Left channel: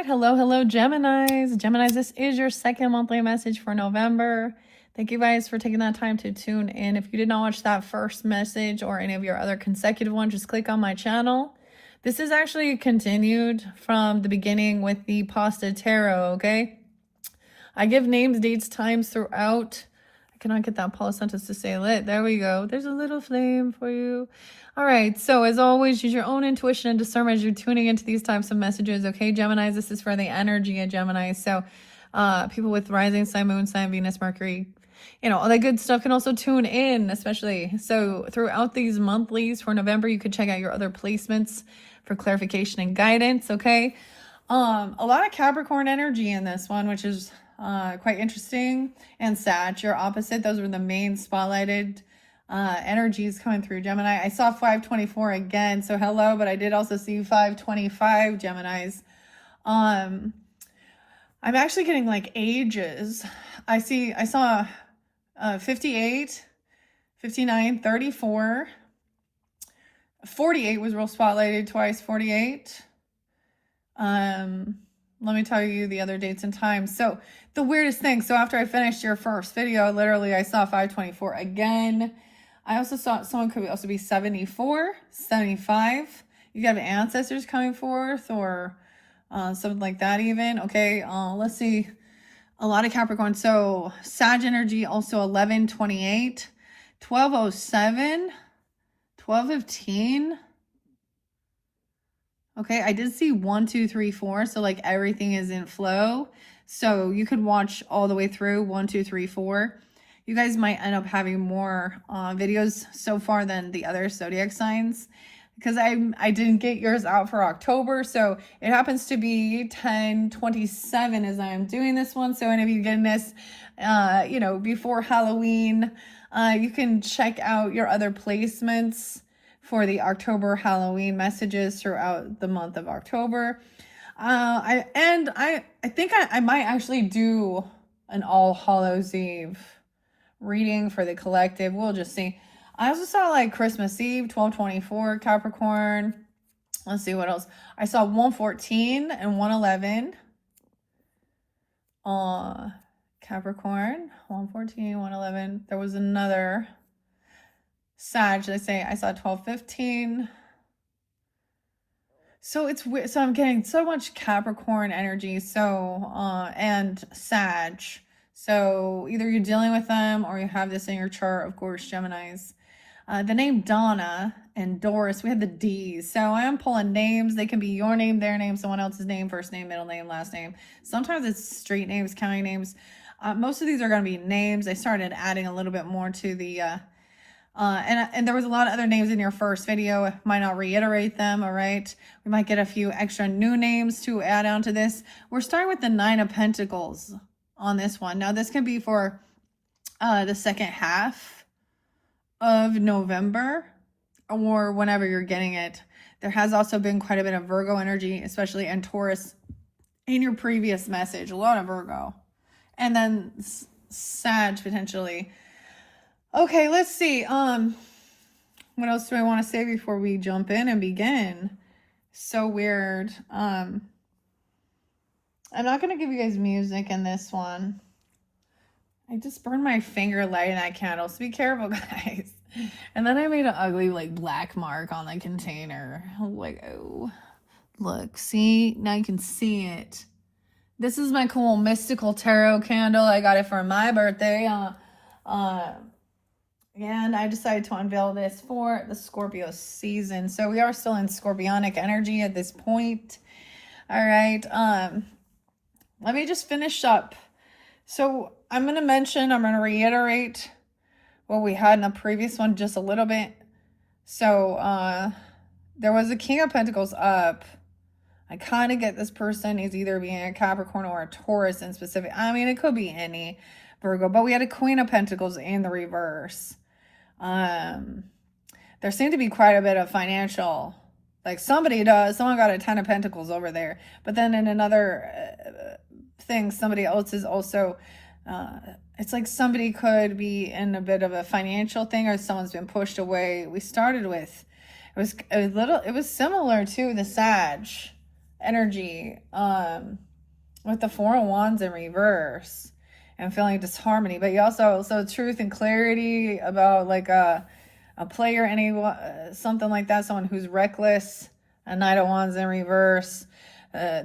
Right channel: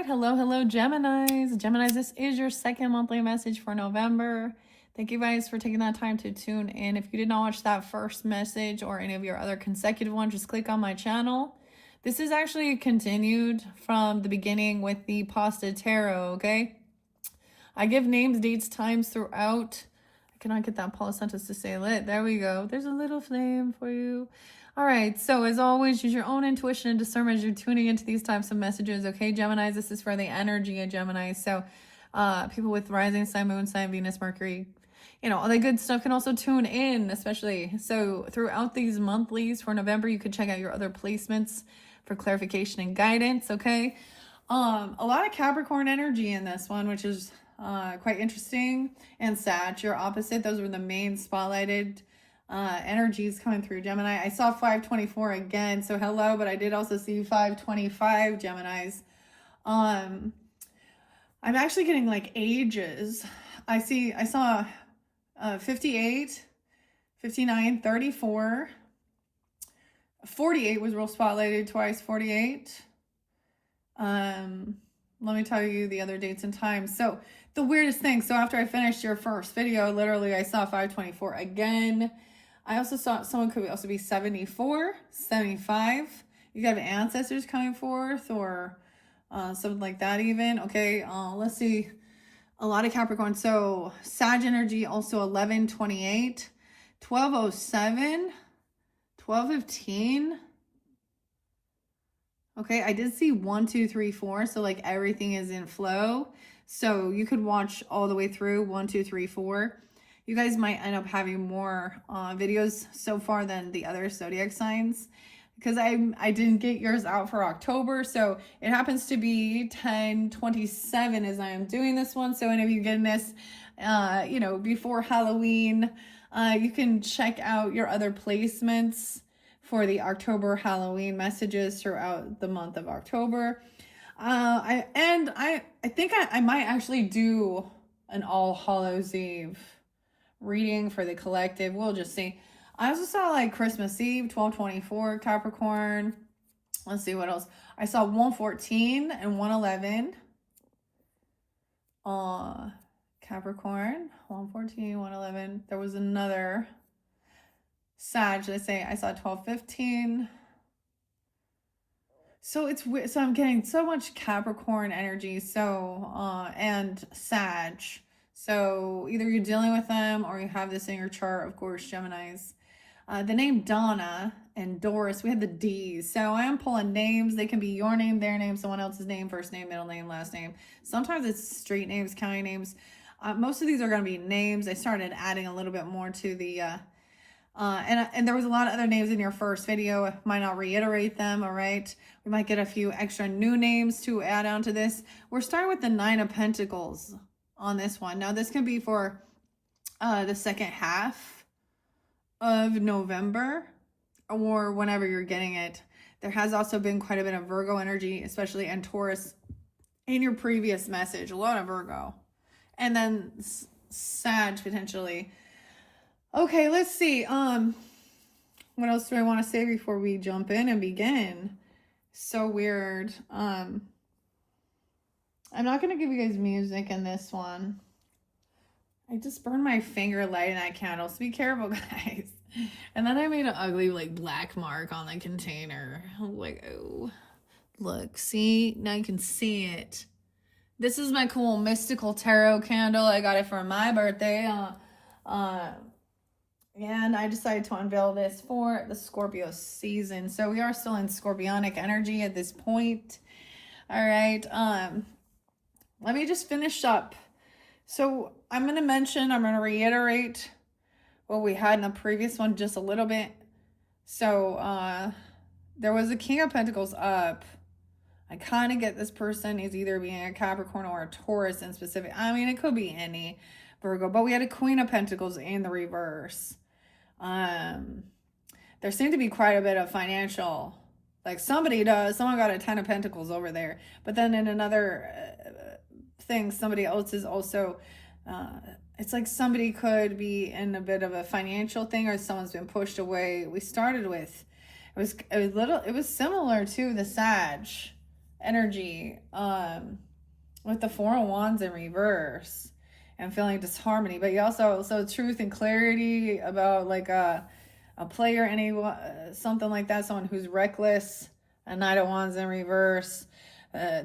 right. Hello, Geminis. Geminis, this is your second monthly message for November. Thank you guys for taking that time to tune in. If you did not watch that first message or any of your other consecutive ones, just click on my channel. This is actually continued from the beginning with the Pasta Tarot, okay? I give names, dates, times throughout. I cannot get that Paula sentence to say lit. There we go. There's a little flame for you. All right, so as always, use your own intuition and discernment as you're tuning into these types of messages, okay, Geminis? This is for the energy of Gemini. So people with rising sign, moon sign, Venus, Mercury, all that good stuff can also tune in, especially. So throughout these monthlies for November, you could check out your other placements for clarification and guidance, okay? A lot of Capricorn energy in this one, which is quite interesting. And Sag, your opposite. Those were the main spotlighted energies coming through Gemini. I saw 524 again, so hello, but I did also see 525 Geminis. I'm actually getting like ages. I saw 58, 59, 34, 48 was real spotlighted twice, 48. Let me tell you the other dates and times. So the weirdest thing, so after I finished your first video, literally I saw 524 again. I also saw someone could also be 74, 75. You could have ancestors coming forth or something like that even. Okay, let's see. A lot of Capricorn. So Sag energy also 1128, 1207, 1215. Okay, I did see 1, 2, 3, 4. So like everything is in flow. So you could watch all the way through 1, 2, 3, 4. You guys might end up having more videos so far than the other zodiac signs because I didn't get yours out for October. So it happens to be 10/27 as I'm doing this one. So any of you getting this, before Halloween, you can check out your other placements for the October Halloween messages throughout the month of October. I think I might actually do an All Hallows Eve reading for the collective. We'll just see. I also saw like Christmas Eve, 12/24 Capricorn. Let's see what else. I saw 114 and 111. Capricorn, 114, 111. There was another Sag. I saw 12/15. So it's weird. So I'm getting so much Capricorn energy. So and Sag. So either you're dealing with them or you have this in your chart, of course, Geminis. The name Donna and Doris, we have the D's. So I'm pulling names. They can be your name, their name, someone else's name, first name, middle name, last name. Sometimes it's street names, county names. Most of these are going to be names. I started adding a little bit more to the, and there was a lot of other names in your first video. I might not reiterate them, all right? We might get a few extra new names to add on to this. We're starting with the 9 of Pentacles on this one. Now, this can be for the second half of November or whenever you're getting it. There has also been quite a bit of Virgo energy, especially and Taurus in your previous message. A lot of Virgo. And then Sag potentially. Okay, let's see. What else do I want to say before we jump in and begin? So weird. I'm not going to give you guys music in this one. I just burned my finger lighting that candle, so be careful, guys. And then I made an ugly, like, black mark on the container. Like, oh. Look, see? Now you can see it. This is my cool mystical tarot candle. I got it for my birthday. And I decided to unveil this for the Scorpio season. So we are still in Scorpionic energy at this point. All right. Let me just finish up. So I'm going to reiterate what we had in the previous one just a little bit. So there was a King of Pentacles up. I kind of get this person is either being a Capricorn or a Taurus in specific. I mean, it could be any Virgo, but we had a Queen of Pentacles in the reverse. There seemed to be quite a bit of financial, like someone got a 10 of Pentacles over there, but then in another thing, somebody else is also, it's like somebody could be in a bit of a financial thing or someone's been pushed away. We started with, it was similar to the Sag energy with the Four of Wands in reverse and feeling disharmony. But you also, so truth and clarity about like a player, something like that, someone who's reckless. A Knight of Wands in reverse,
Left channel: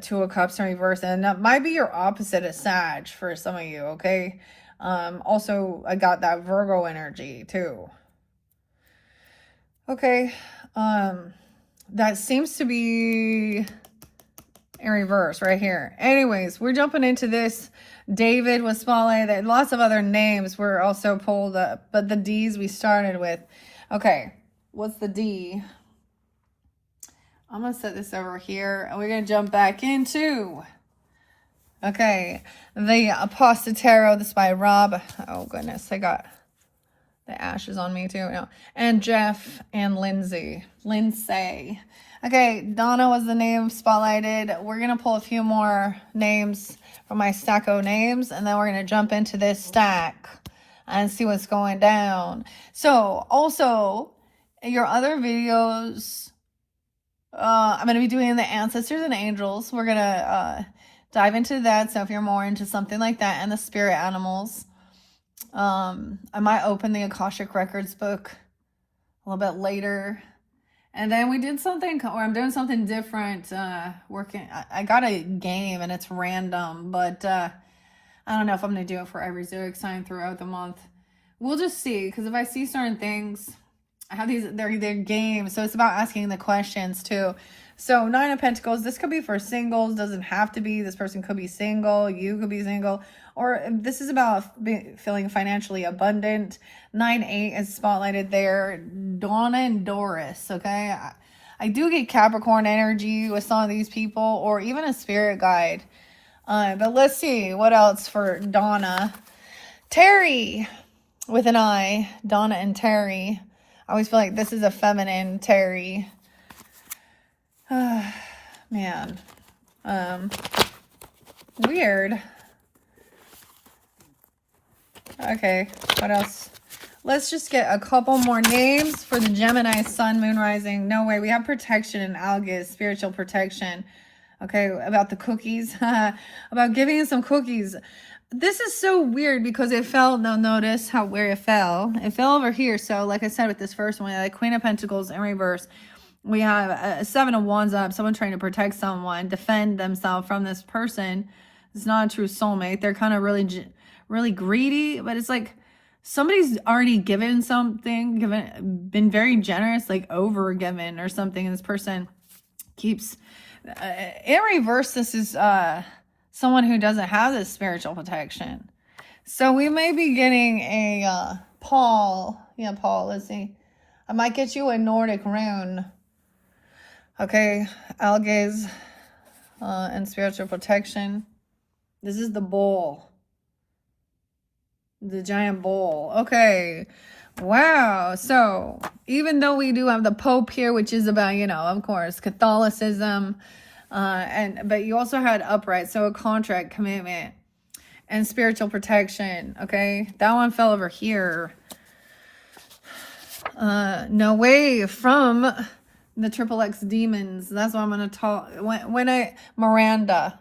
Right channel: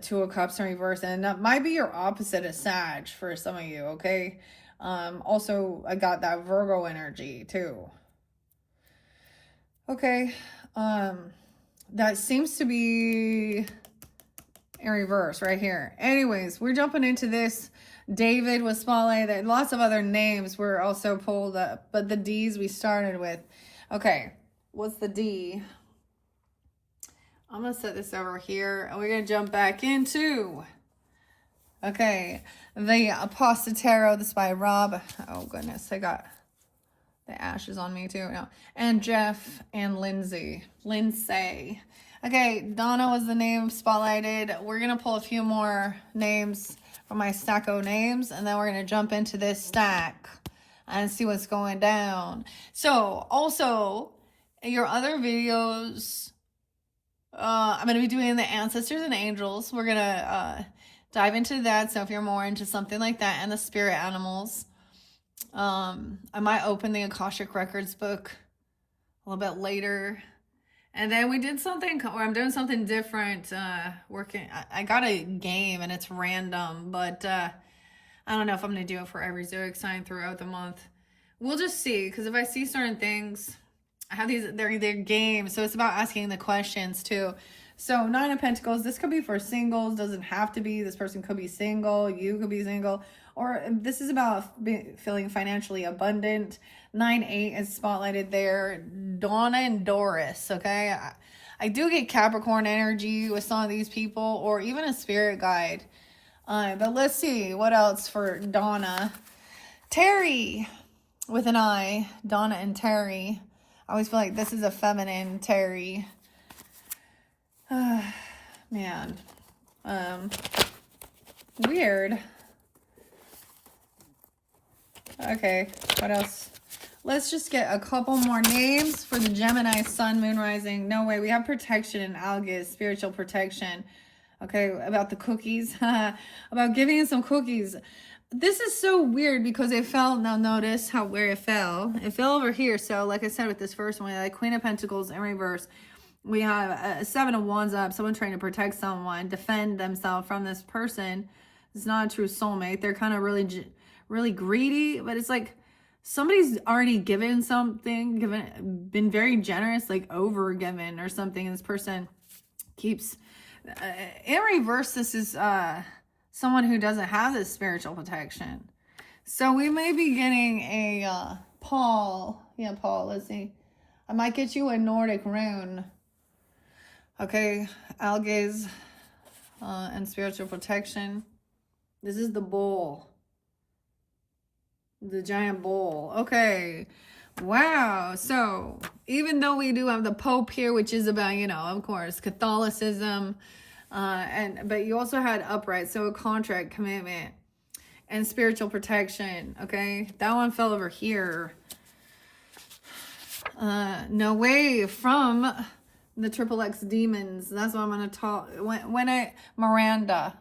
Two of Cups in reverse, and that might be your opposite of Sag for some of you, okay? Also, I got that Virgo energy too. Okay, that seems to be in reverse right here. Anyways, we're jumping into this. David was spotlighted. Lots of other names were also pulled up, but the D's we started with. Okay, what's the D? I'm going to set this over here, and we're going to jump back into, okay, the Apostle Tarot. This is by Rob. Oh, goodness. I got the ashes on me, too. No. And Jeff and Lindsay. Okay, Donna was the name spotlighted. We're going to pull a few more names from my stack of names, and then we're going to jump into this stack and see what's going down. So, also, in your other videos, I'm going to be doing the ancestors and angels. We're going to dive into that. So if you're more into something like that, and the spirit animals, I might open the Akashic Records book a little bit later. And then we did something, or I'm doing something different, I got a game and it's random, but I don't know if I'm going to do it for every zodiac sign throughout the month. We'll just see, because if I see certain things, I have these, they're games, so it's about asking the questions too. So Nine of Pentacles, this could be for singles, doesn't have to be. This person could be single, you could be single, or this is about feeling financially abundant. 9-8 is spotlighted there. Donna and Doris, okay? I do get Capricorn energy with some of these people, or even a spirit guide. But let's see what else for Donna. Terry with an I, Donna and Terry. I always feel like this is a feminine Terry. Man. Weird. Okay, what else? Let's just get a couple more names for the Gemini, Sun, Moon, Rising. No way. We have protection in Algis, spiritual protection. Okay, about the cookies. About giving you some cookies. This is so weird because it fell, now notice where it fell. It fell over here. So like I said with this first one, like Queen of Pentacles in reverse. We have a 7 of Wands up, someone trying to protect someone, defend themselves from this person. It's not a true soulmate. They're kind of really greedy, but it's like somebody's already given something, been very generous, like over given or something. And this person keeps, in reverse, this is someone who doesn't have this spiritual protection. So we may be getting a Paul. Yeah, Paul, let's see. I might get you a Nordic rune. Okay, Algaze and spiritual protection. This is the bull. The giant bull. Okay. Wow. So even though we do have the Pope here, which is about, you know, of course, Catholicism, but you also had upright, so a contract, commitment, and spiritual protection. Okay, that one fell over here. No way from the Triple X demons. That's what I'm going to talk. Miranda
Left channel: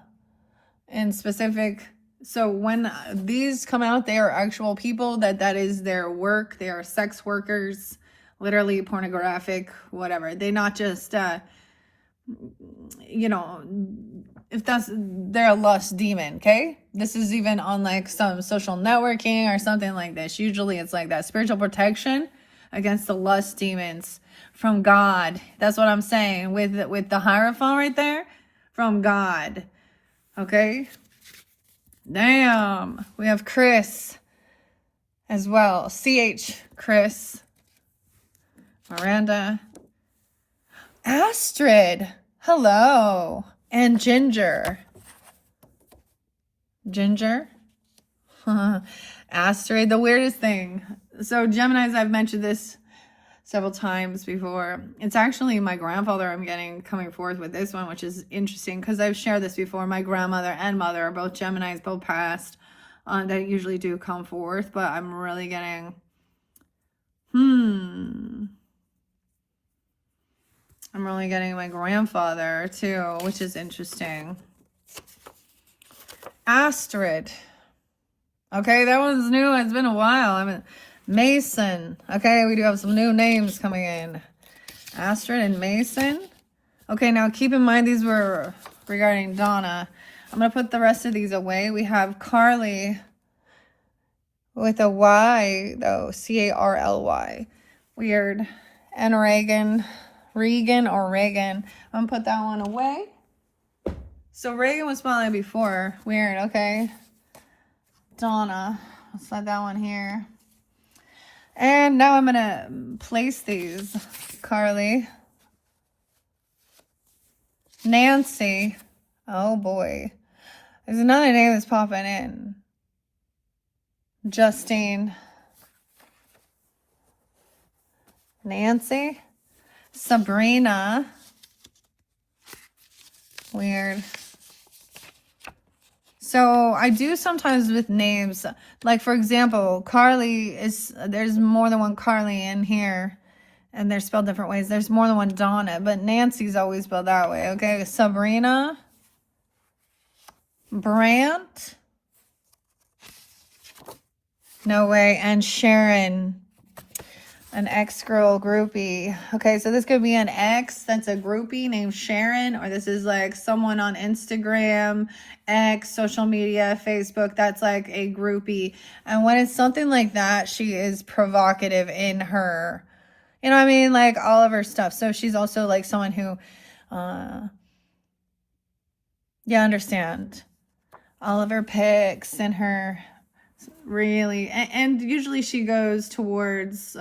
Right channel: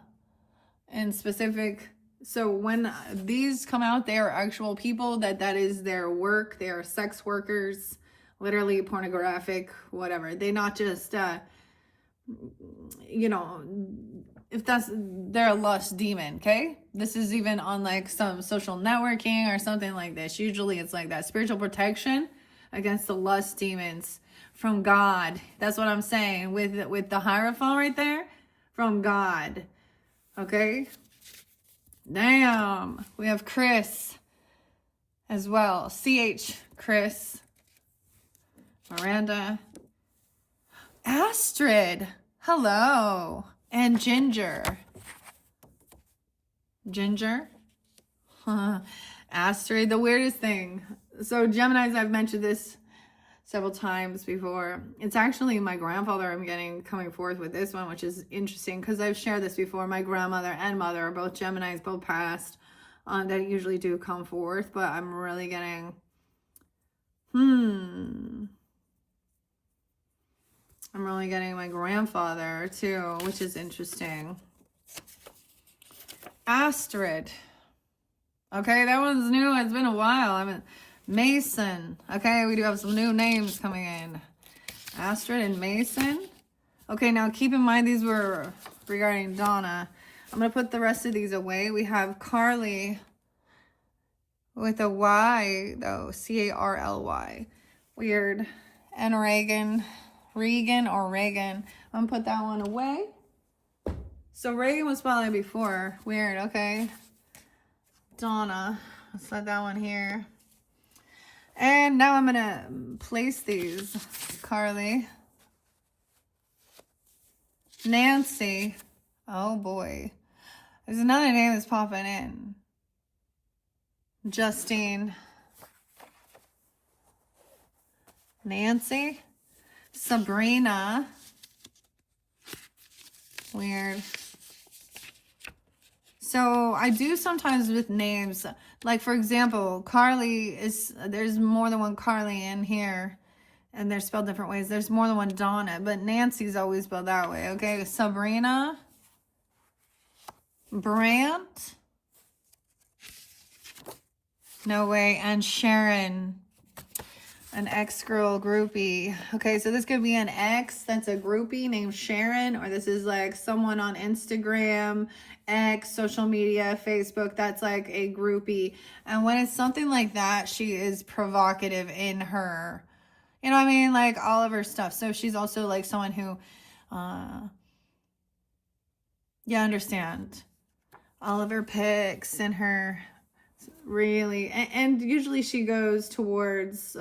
in specific. So when these come out, they are actual people that is their work. They are sex workers, literally pornographic, whatever. They not just, you know, if they're a lust demon, okay? This is even on like some social networking or something like this. Usually it's like that. Spiritual protection against the lust demons from God. That's what I'm saying with the Hierophant right there, from God. Okay? Damn. We have Chris as well. CH Chris. Miranda. Astrid. Hello. And Ginger. Astrid, the weirdest thing. So Geminis, I've mentioned this several times before. It's actually my grandfather coming forth with this one, which is interesting because I've shared this before. My grandmother and mother are both Geminis, both passed, that usually do come forth, but I'm really getting, I'm really getting my grandfather too, which is interesting. Astrid. Okay, that one's new. It's been a while. I mean, Mason. Okay, we do have some new names coming in. Astrid and Mason. Okay, now keep in mind these were regarding Donna. I'm going to put the rest of these away. We have Carly with a Y, though. C-A-R-L-Y. Weird. And Reagan. Regan or Reagan. I'm going to put that one away. So Reagan was spotlighted before. Weird, okay. Donna. Let's let that one here. And now I'm going to place these. Carly. Nancy. Oh boy. There's another name that's popping in. Justine. Nancy. Sabrina. Weird. So I do sometimes with names, like for example, Carly there's more than one Carly in here, and they're spelled different ways. There's more than one Donna, but Nancy's always spelled that way, okay? Sabrina, Brant, no way, and Sharon, an ex-girl groupie. Okay, so this could be an ex that's a groupie named Sharon, or this is like someone on Instagram, X, social media, Facebook, that's like a groupie. And when it's something like that, she is provocative in her, you know what I mean? Like all of her stuff. So she's also like someone who, yeah, understand. All of her pics and her really, and usually she goes towards,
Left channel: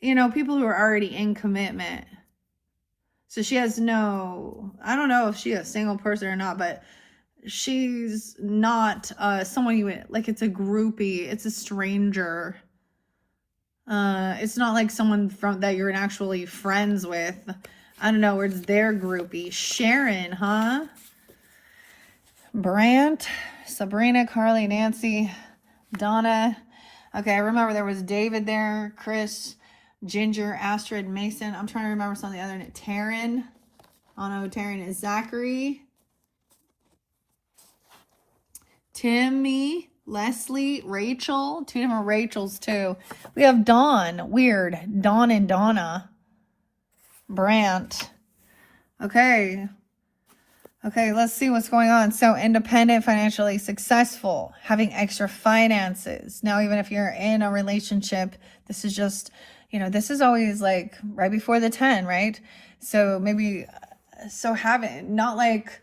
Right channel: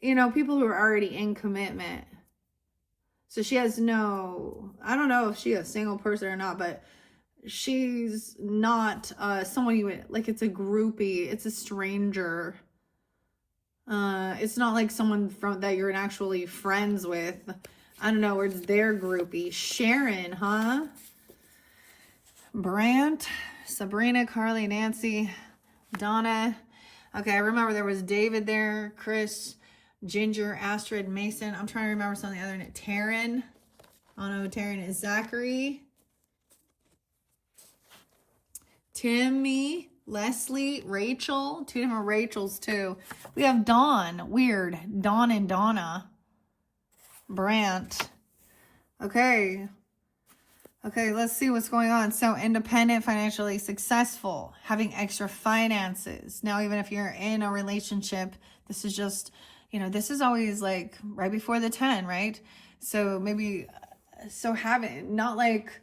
you know, people who are already in commitment. So she has no, I don't know if she's a single person or not, but she's not someone you would, like it's a groupie, it's a stranger. It's not like someone from that you're actually friends with. I don't know, it's their groupie. Sharon, huh? Brant, Sabrina, Carly, Nancy, Donna. Okay, I remember there was David there, Chris, Ginger, Astrid, Mason. I'm trying to remember some of the other names. Taryn. Oh no, Taryn is Zachary. Timmy, Leslie, Rachel. Two different Rachels too. We have Dawn. Weird. Dawn and Donna. Brant. Okay. Okay, let's see what's going on. So independent, financially successful, having extra finances. Now, even if you're in a relationship, this is just, you know, this is always like right before the 10, right? So maybe, so having, not like,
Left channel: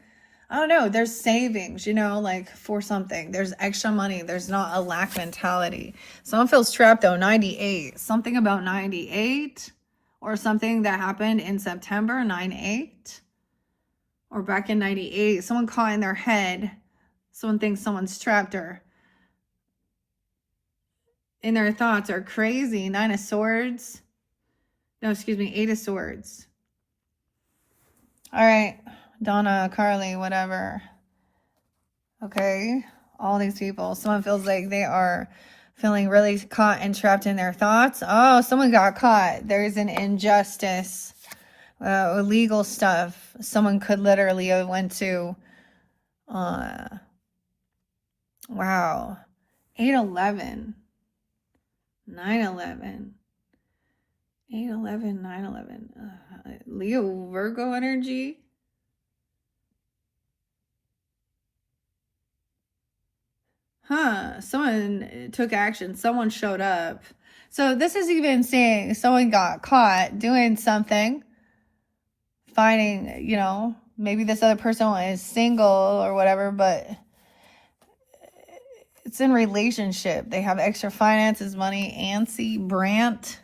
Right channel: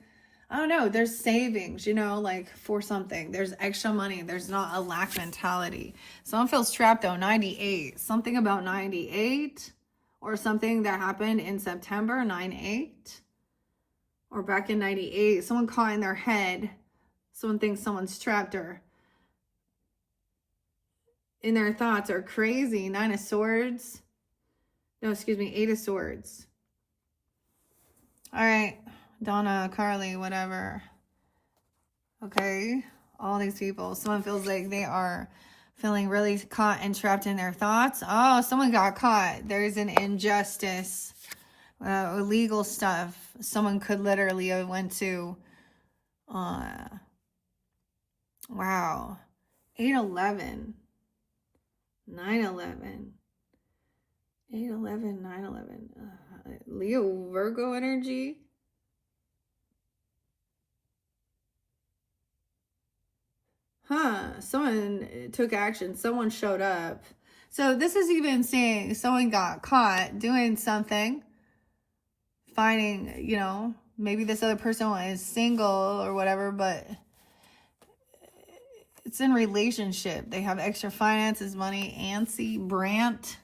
I don't know, there's savings, you know, like for something. There's extra money. There's not a lack mentality. Someone feels trapped though, 98. Something about 98 or something that happened in September, 9/8. Or back in 98, someone caught in their head. Someone thinks someone's trapped or in their thoughts are crazy. 9 of Swords. No, excuse me, 8 of Swords. All right, Donna, Carly, whatever. Okay, all these people. Someone feels like they are feeling really caught and trapped in their thoughts. Oh, someone got caught. There's an injustice. Illegal stuff. Someone could literally have went to, wow, 8/11, 9/11, 8/11, 9/11, Leo Virgo energy. Huh, someone took action, someone showed up. So this is even saying someone got caught doing something. Finding, you know, maybe this other person is single or whatever, but it's in relationship. They have extra finances, money. Ancy, Brant.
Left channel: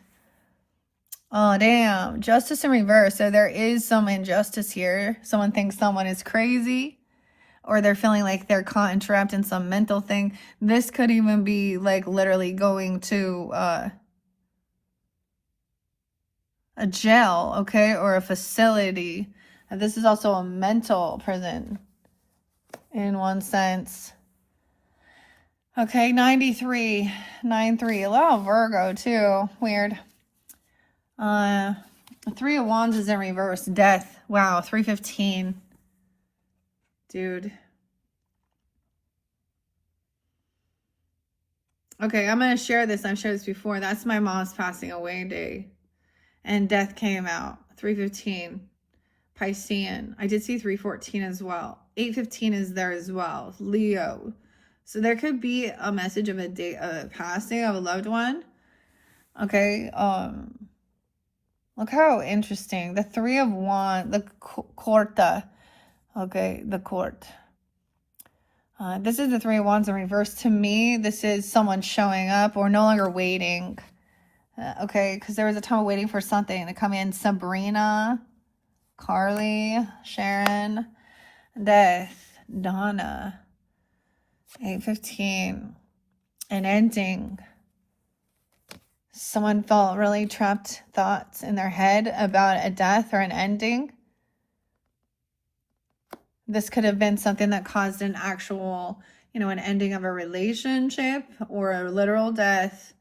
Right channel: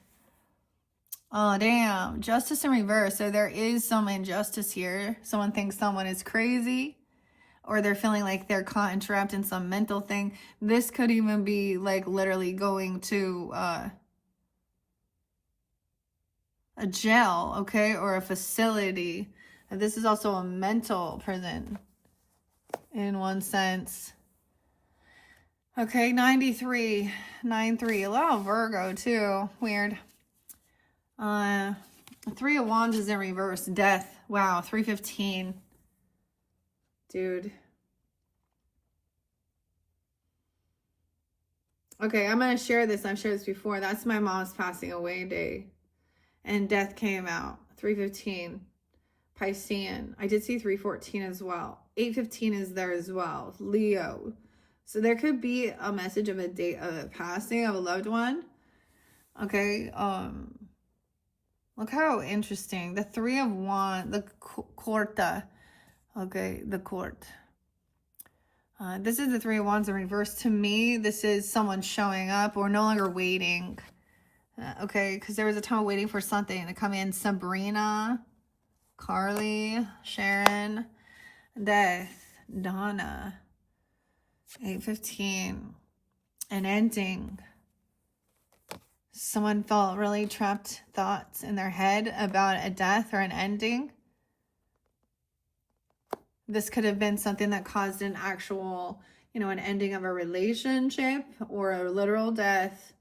Oh, damn. Justice in reverse. So there is some injustice here. Someone thinks someone is crazy, or they're feeling like they're caught and trapped in some mental thing. This could even be like literally going to a jail, okay, or a facility. And this is also a mental prison in one sense. Okay, 93, 9/3, a lot of Virgo too, weird. The Three of Wands is in reverse. Death. Wow, 315. Dude. Okay, I'm going to share this. I've shared this before. That's my mom's passing away day. And death came out. 315. Piscean. I did see 314 as well. 815 is there as well. Leo. So there could be a message of a passing of a loved one. Okay. Look how interesting. The Three of Wands, the Corta. Okay, the Court. This is the Three of Wands in reverse. To me, this is someone showing up or no longer waiting. Okay, because there was a time of waiting for something to come in. Sabrina, Carly, Sharon, Death, Donna, 815, an ending. Someone felt really trapped thoughts in their head about a death or an ending. This could have been something that caused an actual, an ending of a relationship or a literal death.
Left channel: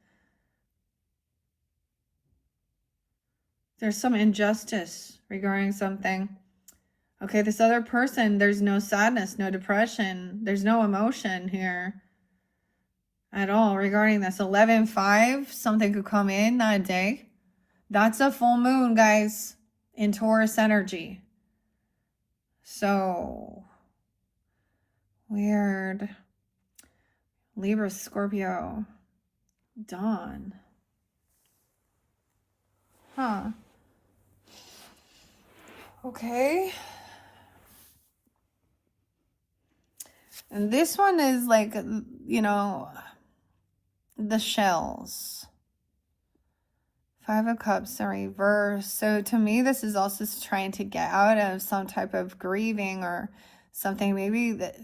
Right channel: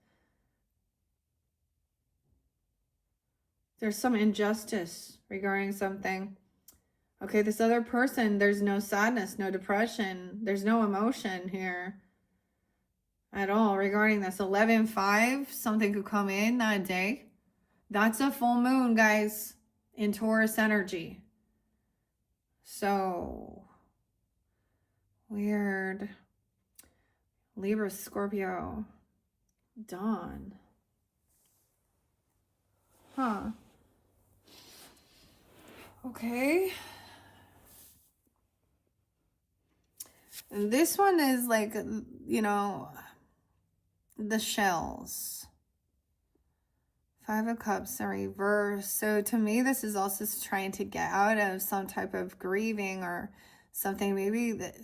There's some injustice regarding something. Okay, this other person, there's no sadness, no depression. There's no emotion here at all regarding this. 11-5, something could come in that day. That's a full moon, guys, in Taurus energy. So weird. Libra, Scorpio, Dawn. Huh. Okay. And this one is like, the shells. Five of Cups in reverse. So to me, this is also trying to get out of some type of grieving or something. Maybe that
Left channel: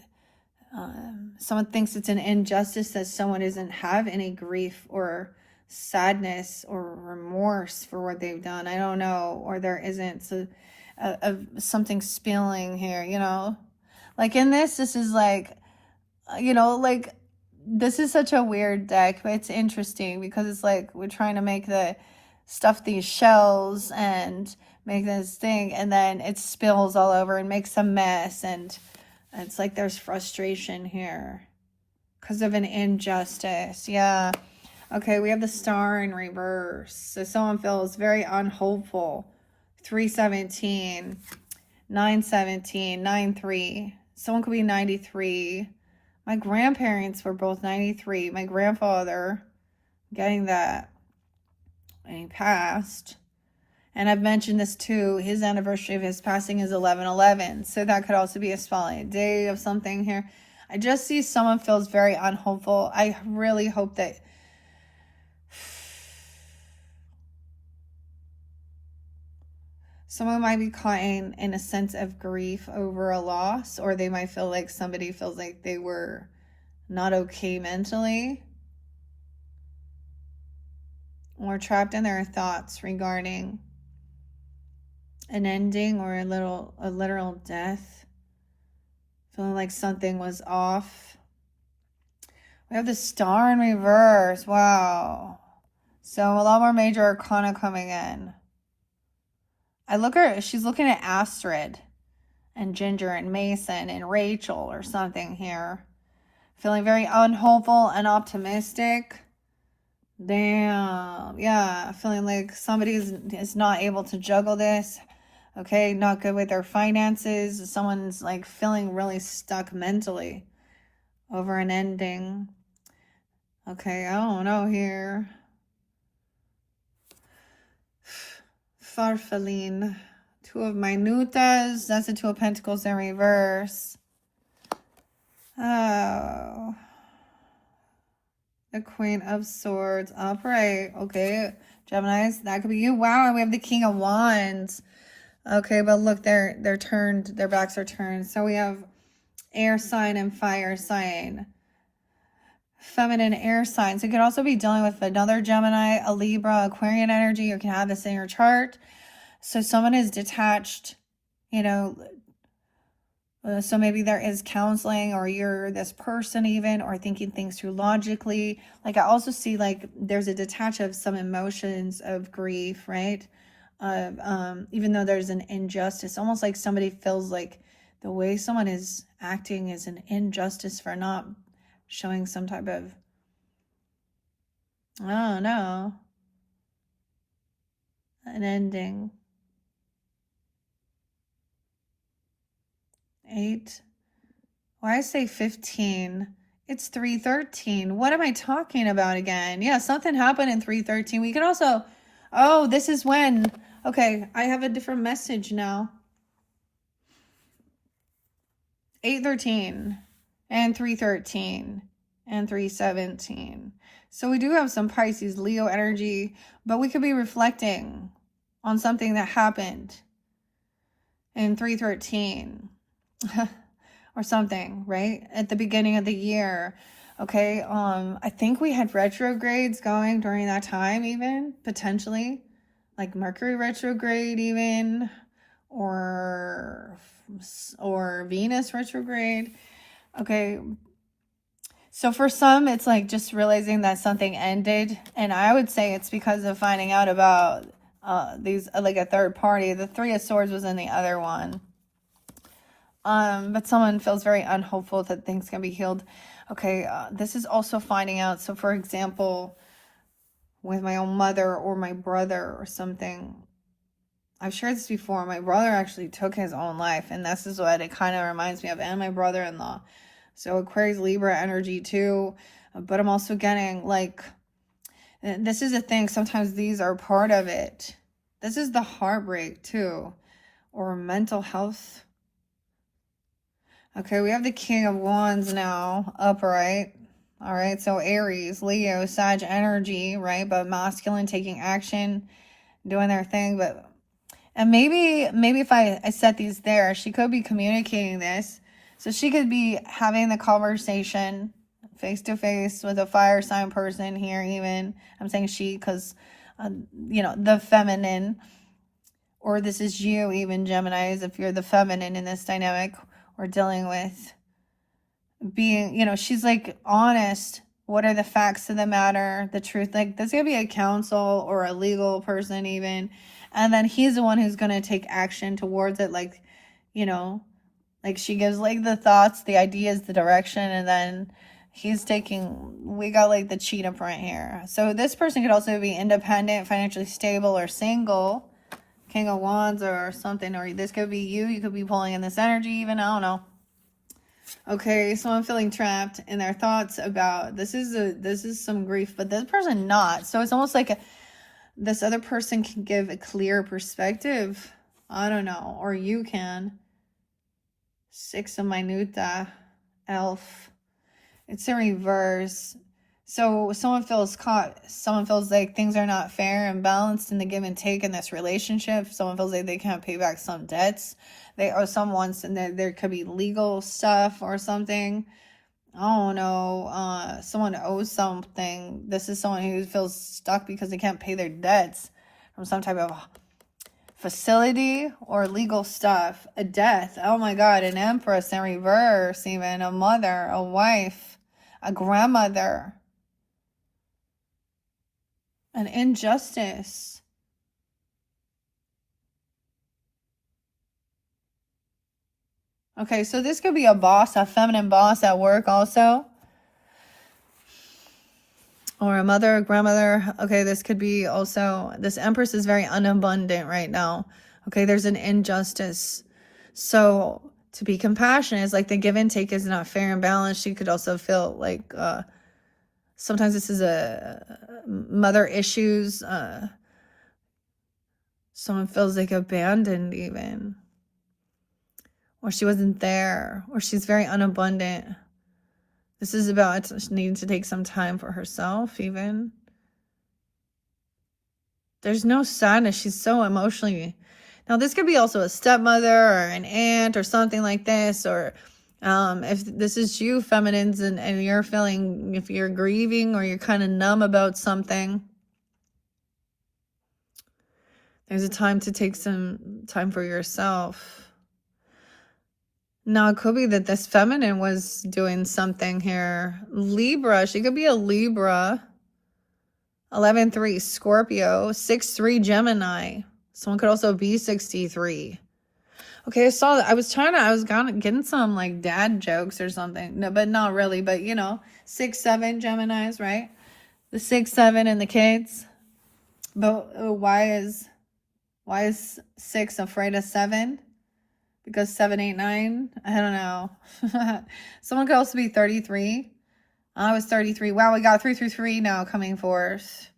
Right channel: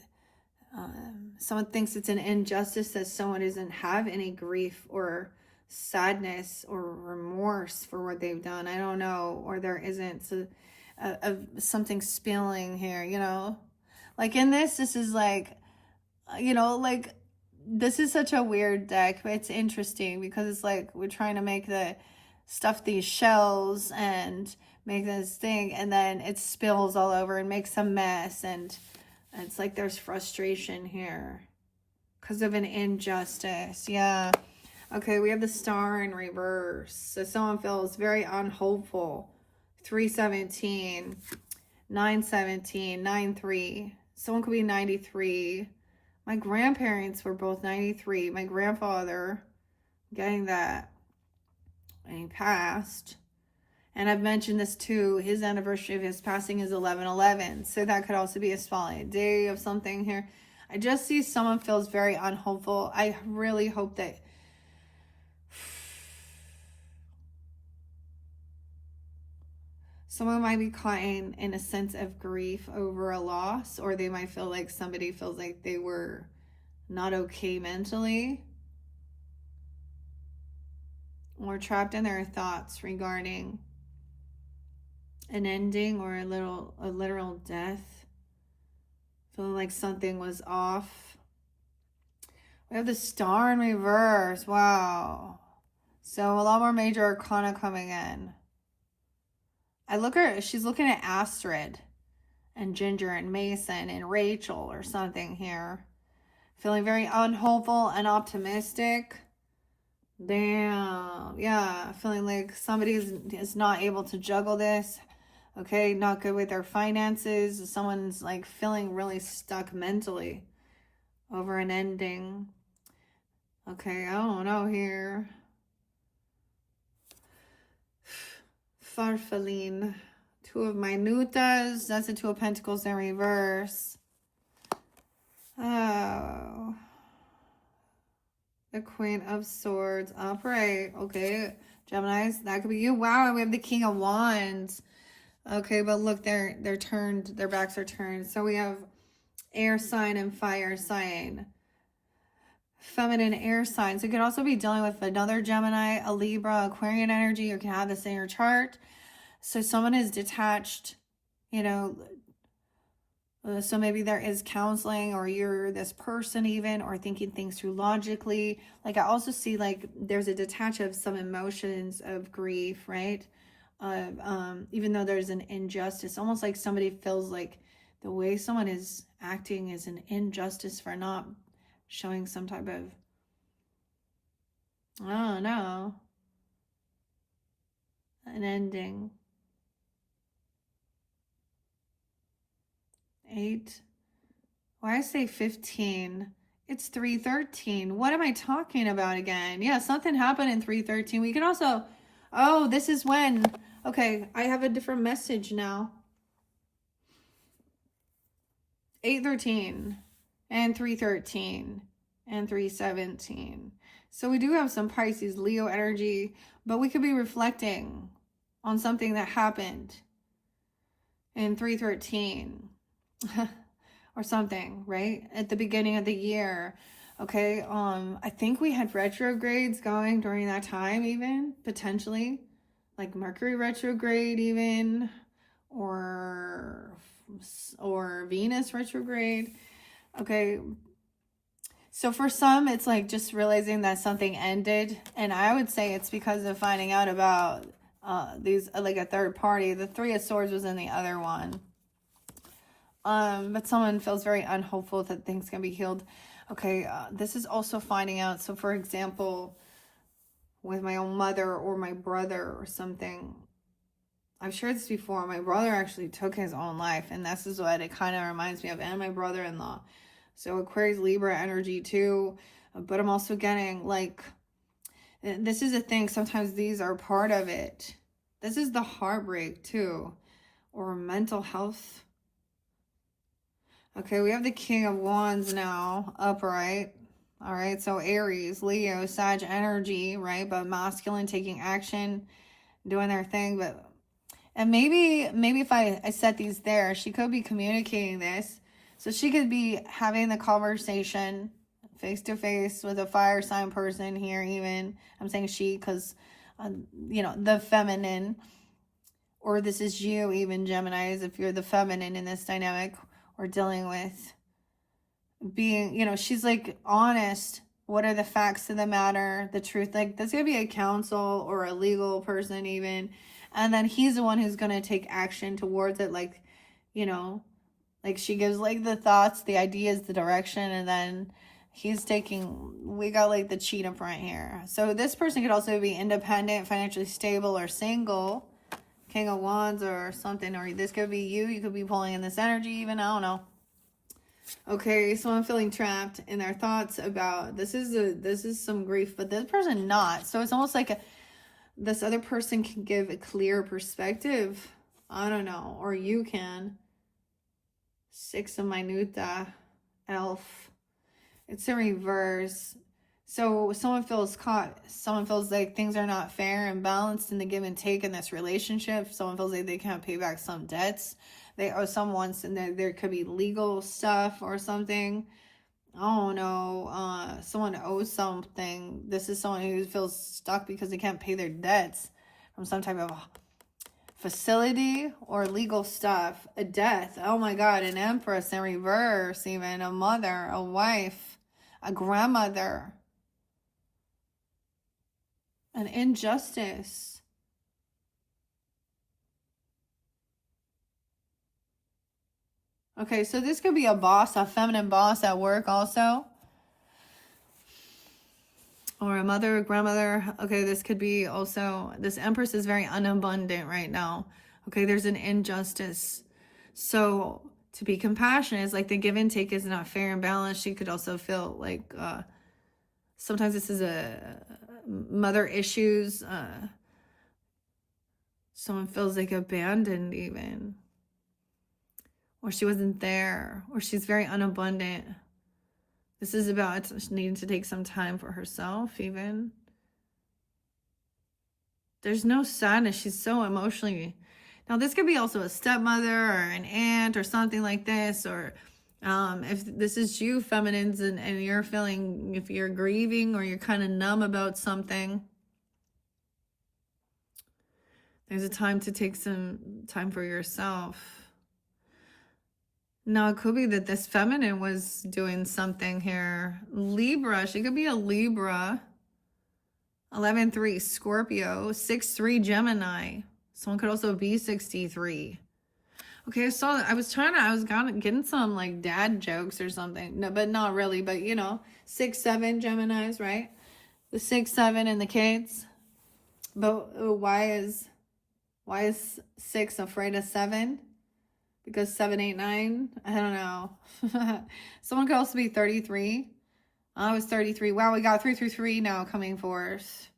someone thinks it's an injustice that someone doesn't have any grief or sadness or remorse for what they've done. I don't know. Or there isn't something spilling here, Like in this is like, this is such a weird deck, but it's interesting because it's like we're trying to stuff these shells and make this thing, and then it spills all over and makes a mess, and it's like there's frustration here because of an injustice. Yeah. Okay, we have the Star in reverse. So someone feels very unhopeful. 317, 917, 93. Someone could be 93. My grandparents were both 93. My grandfather, getting that, and he passed. And I've mentioned this too. His anniversary of his passing is 11/11. So that could also be a spotlight day of something here. I just see someone feels very unhopeful. I really hope that someone might be caught in a sense of grief over a loss, or they might feel like somebody feels like they were not okay mentally, or trapped in their thoughts regarding an ending or a literal death, feeling like something was off. We have the Star in reverse. Wow. So a lot more major arcana coming in. She's looking at Astrid and Ginger and Mason and Rachel or something here. Feeling very unhopeful and optimistic. Damn. Yeah. Feeling like somebody is not able to juggle this. Okay. Not good with their finances. Someone's like feeling really stuck mentally over an ending. Okay. I don't know here. Farfaline. Two of Minutas. That's the Two of Pentacles in reverse. Oh. The Queen of Swords upright. Okay. Geminis, that could be you. Wow, and we have the King of Wands. Okay, but look, they're turned. Their backs are turned. So we have air sign and fire sign. Feminine air signs. It could also be dealing with another Gemini, a Libra, Aquarian energy. You can have this in your chart. So someone is detached, So maybe there is counseling, or you're this person even, or thinking things through logically. Like I also see like there's a detach of some emotions of grief, right? Even though there's an injustice, almost like somebody feels like the way someone is acting is an injustice for not showing some type of, I don't know, an ending. 8. Why I say 15? It's 313. What am I talking about again? Yeah, something happened in 313. We can also, oh, this is when, okay, I have a different message now. 813 and 313 and 317. So we do have some Pisces, Leo energy, but we could be reflecting on something that happened in 313. Or something, right? At the beginning of the year. Okay. I think we had retrogrades going during that time, even potentially, like Mercury retrograde, even, or Venus retrograde. Okay. So for some, it's like just realizing that something ended, and I would say it's because of finding out about these, like a third party. The Three of Swords was in the other one. But someone feels very unhopeful that things can be healed. Okay, this is also finding out. So for example, with my own mother or my brother or something, I've shared this before. My brother actually took his own life, and this is what it kind of reminds me of, and my brother-in-law. So Aquarius, Libra energy too. But I'm also getting like, this is a thing. Sometimes these are part of it. This is the heartbreak too, or mental health. Okay, we have the King of Wands now, upright. All right, so Aries, Leo, Sag energy, right? But masculine, taking action, doing their thing. But, and maybe if I set these there, she could be communicating this. So she could be having the conversation face to face with a fire sign person here, even. I'm saying she because, you know, the feminine. Or this is you, even Geminis, if you're the feminine in this dynamic. We're dealing with being, you know, she's like honest. What are the facts of the matter, the truth? Like this could be a counsel or a legal person even, and then he's the one who's going to take action towards it. Like, you know, like she gives like the thoughts, the ideas, the direction, and then he's taking, we got like the cheetah print here. So this person could also be independent, financially stable, or single. King of Wands or something, or this could be you could be pulling in this energy even, I don't know. Okay, so I'm feeling trapped in their thoughts about, this is some grief, but this person not. So it's almost like this other person can give a clear perspective, I don't know, or you can. 6 of Minuta, Elf. It's in reverse. So someone feels caught. Someone feels like things are not fair and balanced in the give and take in this relationship. Someone feels like they can't pay back some debts. They owe someone, and there could be legal stuff or something. I don't know. Someone owes something. This is someone who feels stuck because they can't pay their debts from some type of facility or legal stuff. A death. Oh my God. An Empress in reverse, even a mother, a wife, a grandmother. An injustice. Okay, so this could be a boss, a feminine boss at work also. Or a mother, a grandmother. Okay, this could be also, this Empress is very unabundant right now. Okay, there's an injustice. So to be compassionate is like the give and take is not fair and balanced. She could also feel like sometimes this is a mother issues. Someone feels like abandoned even. Or she wasn't there. Or she's very unabundant. This is about needing to take some time for herself even. There's no sadness. She's so emotionally. Now, this could be also a stepmother or an aunt or something like this. Or if this is you, feminines, and you're feeling, if you're grieving or you're kind of numb about something, there's a time to take some time for yourself. Now, it could be that this feminine was doing something here. Libra, she could be a Libra. 11-3 Scorpio. 6-3 Gemini. Someone could also be 63. Okay, I saw that. I was getting some like dad jokes or something. No, but not really. But you know, 6-7 Geminis, right? The 6-7 and the kids. But why is 6 afraid of 7? Because 7, 8, 9? I don't know. Someone could also be 33. I was 33. Wow, we got 333 now coming forth.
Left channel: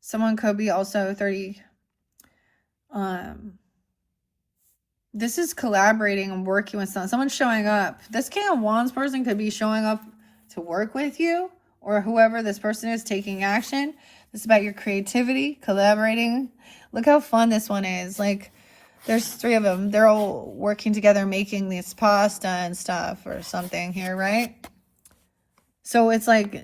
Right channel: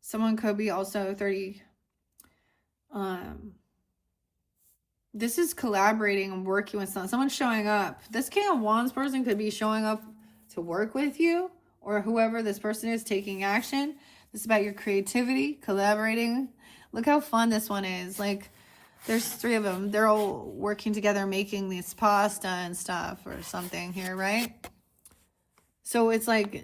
Someone could be also 30. This is collaborating and working with someone. Someone's showing up. This King of Wands person could be showing up to work with you, or whoever this person is taking action. This is about your creativity, collaborating. Look how fun this one is. Like, there's 3 of them. They're all working together, making this pasta and stuff or something here, right? So it's like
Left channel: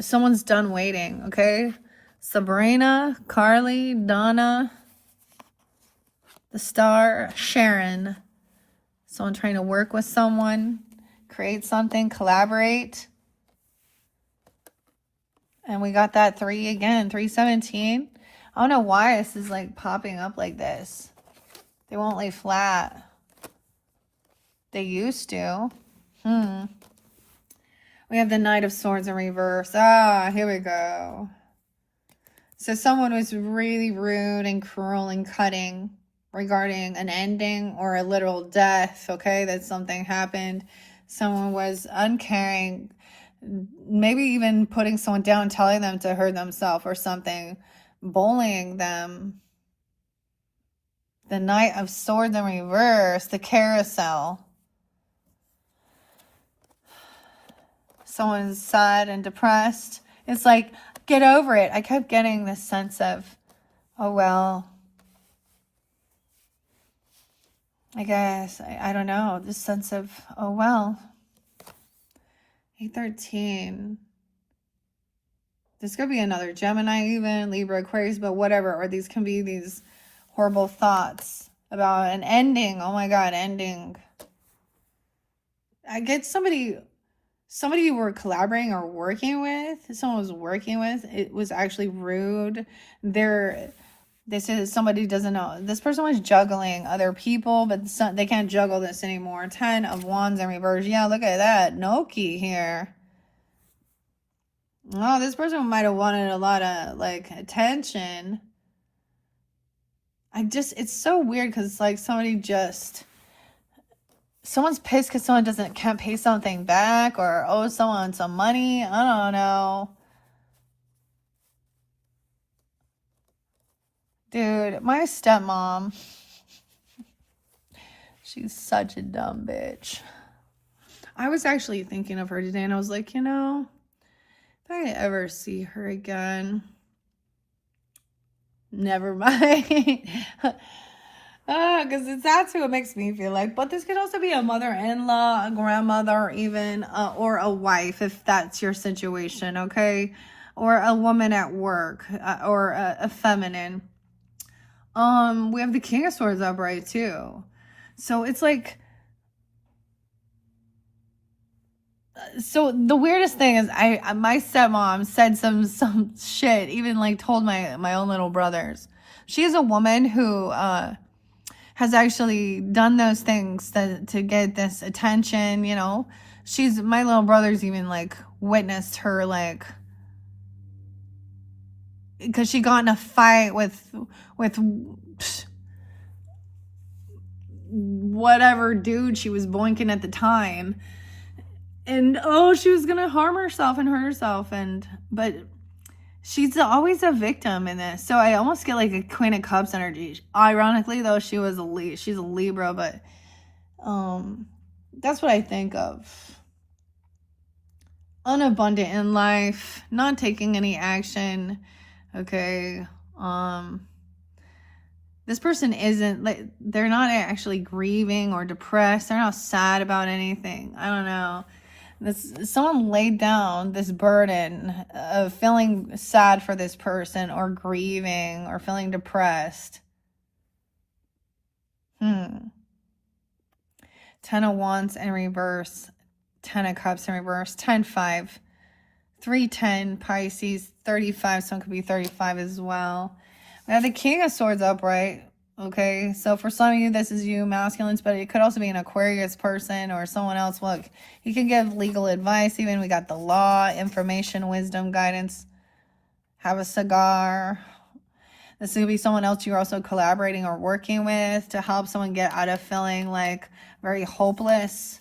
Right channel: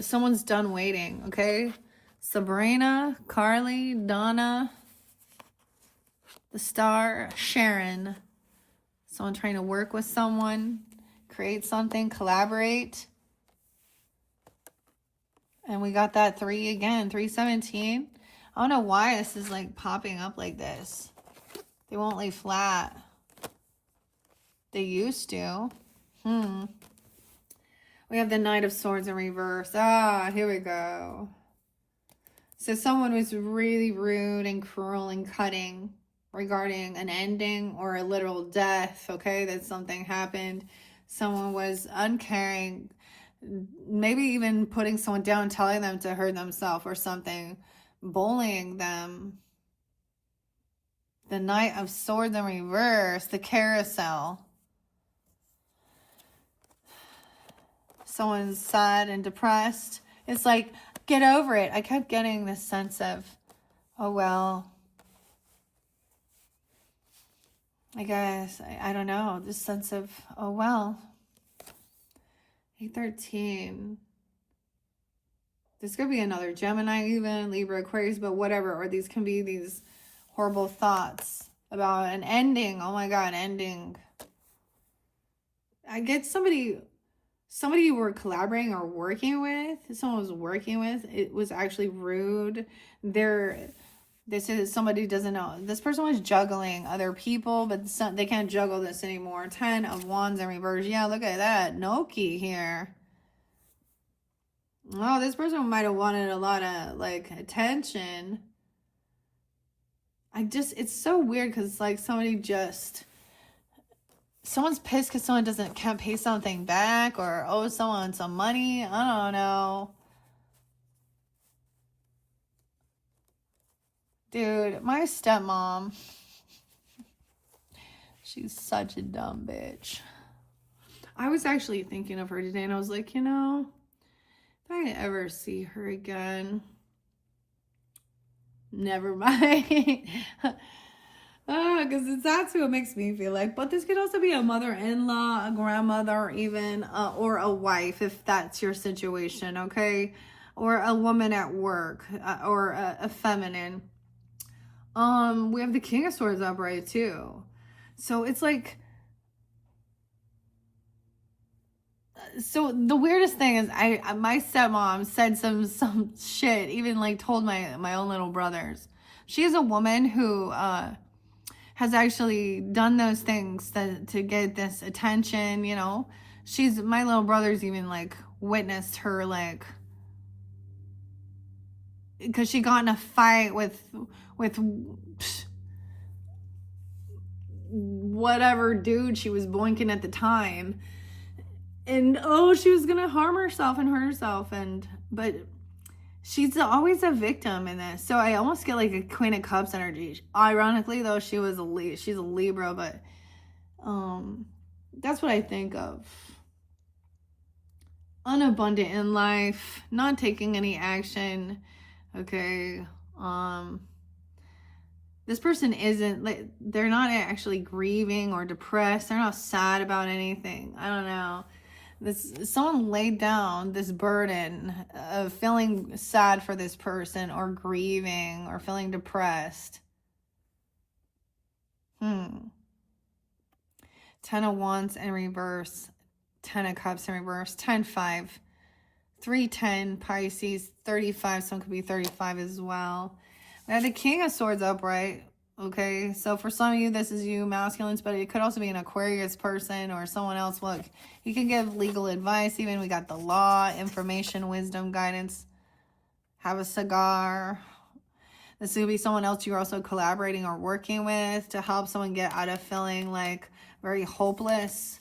someone's done waiting, okay? Sabrina, Carly, Donna, the star, Sharon. Someone trying to work with someone, create something, collaborate. And we got that 3 again, 317. I don't know why this is like popping up like this. They won't lay flat. They used to. We have the Knight of Swords in reverse. Ah, here we go. So someone was really rude and cruel and cutting regarding an ending or a literal death, okay? That something happened. Someone was uncaring, maybe even putting someone down, telling them to hurt themselves or something, bullying them. The Knight of Swords in reverse, the carousel. Someone's sad and depressed. It's like, get over it. I kept getting this sense of, oh, well, I guess, I don't know, this sense of, oh, well. 813. This could be another Gemini even, Libra, Aquarius, but whatever. Or these can be these horrible thoughts about an ending. Oh my God, ending. I get somebody you were collaborating or working with, someone was working with, it was actually rude. This is somebody doesn't know. This person was juggling other people, but they can't juggle this anymore. 10 of Wands in reverse. Yeah, look at that. Noki here. Oh, this person might have wanted a lot of like attention. It's so weird because it's like someone's pissed because someone can't pay something back or owe someone some money. I don't know. Dude, my stepmom, she's such a dumb bitch. I was actually thinking of her today and I was like, you know, if I ever see her again, never mind. Because that's who it makes me feel like. But this could also be a mother-in-law, a grandmother, even, or a wife, if that's your situation, okay? Or a woman at work, or a feminine. We have the King of Swords upright too. So it's like, so the weirdest thing is my stepmom said some shit, even like told my own little brothers. She is a woman who has actually done those things to get this attention, you know. My little brother's even like witnessed her, like, because she got in a fight with whatever dude she was boinking at the time, and she was gonna harm herself and hurt herself, but she's always a victim in this. So I almost get like a Queen of Cups energy. Ironically though, she's a Libra, but that's what I think of. Unabundant in life, not taking any action. Okay. This person isn't, like, they're not actually grieving or depressed. They're not sad about anything. I don't know. Someone laid down this burden of feeling sad for this person or grieving or feeling depressed. Ten of Wands in reverse, Ten of Cups in reverse, 10-5, 3-10, Pisces, 35, someone could be 35 as well. We have the King of Swords upright. Okay, so for some of you, this is you, masculines, but it could also be an Aquarius person or someone else. Look, you can give legal advice even. We got the law, information, wisdom, guidance. Have a cigar. This could be someone else you're also collaborating or working with to help someone get out of feeling like very hopeless,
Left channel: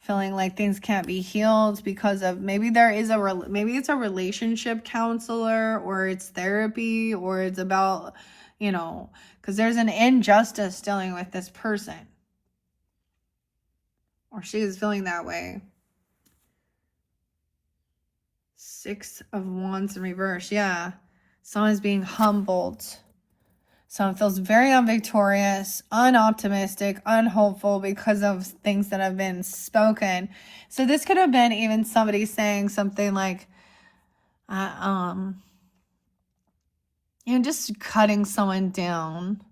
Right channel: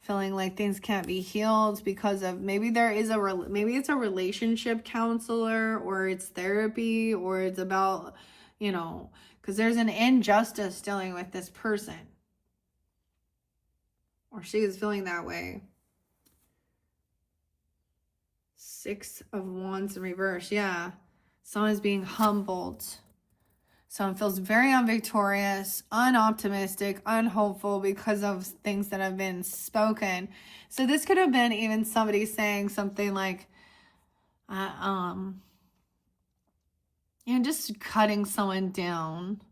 feeling like things can't be healed because of maybe maybe it's a relationship counselor, or it's therapy, or it's about, you know, because there's an injustice dealing with this person, or she is feeling that way. 6 of Wands in reverse. Yeah. Someone's being humbled. Someone feels very unvictorious, unoptimistic, unhopeful because of things that have been spoken. So this could have been even somebody saying something like, you know, just cutting someone down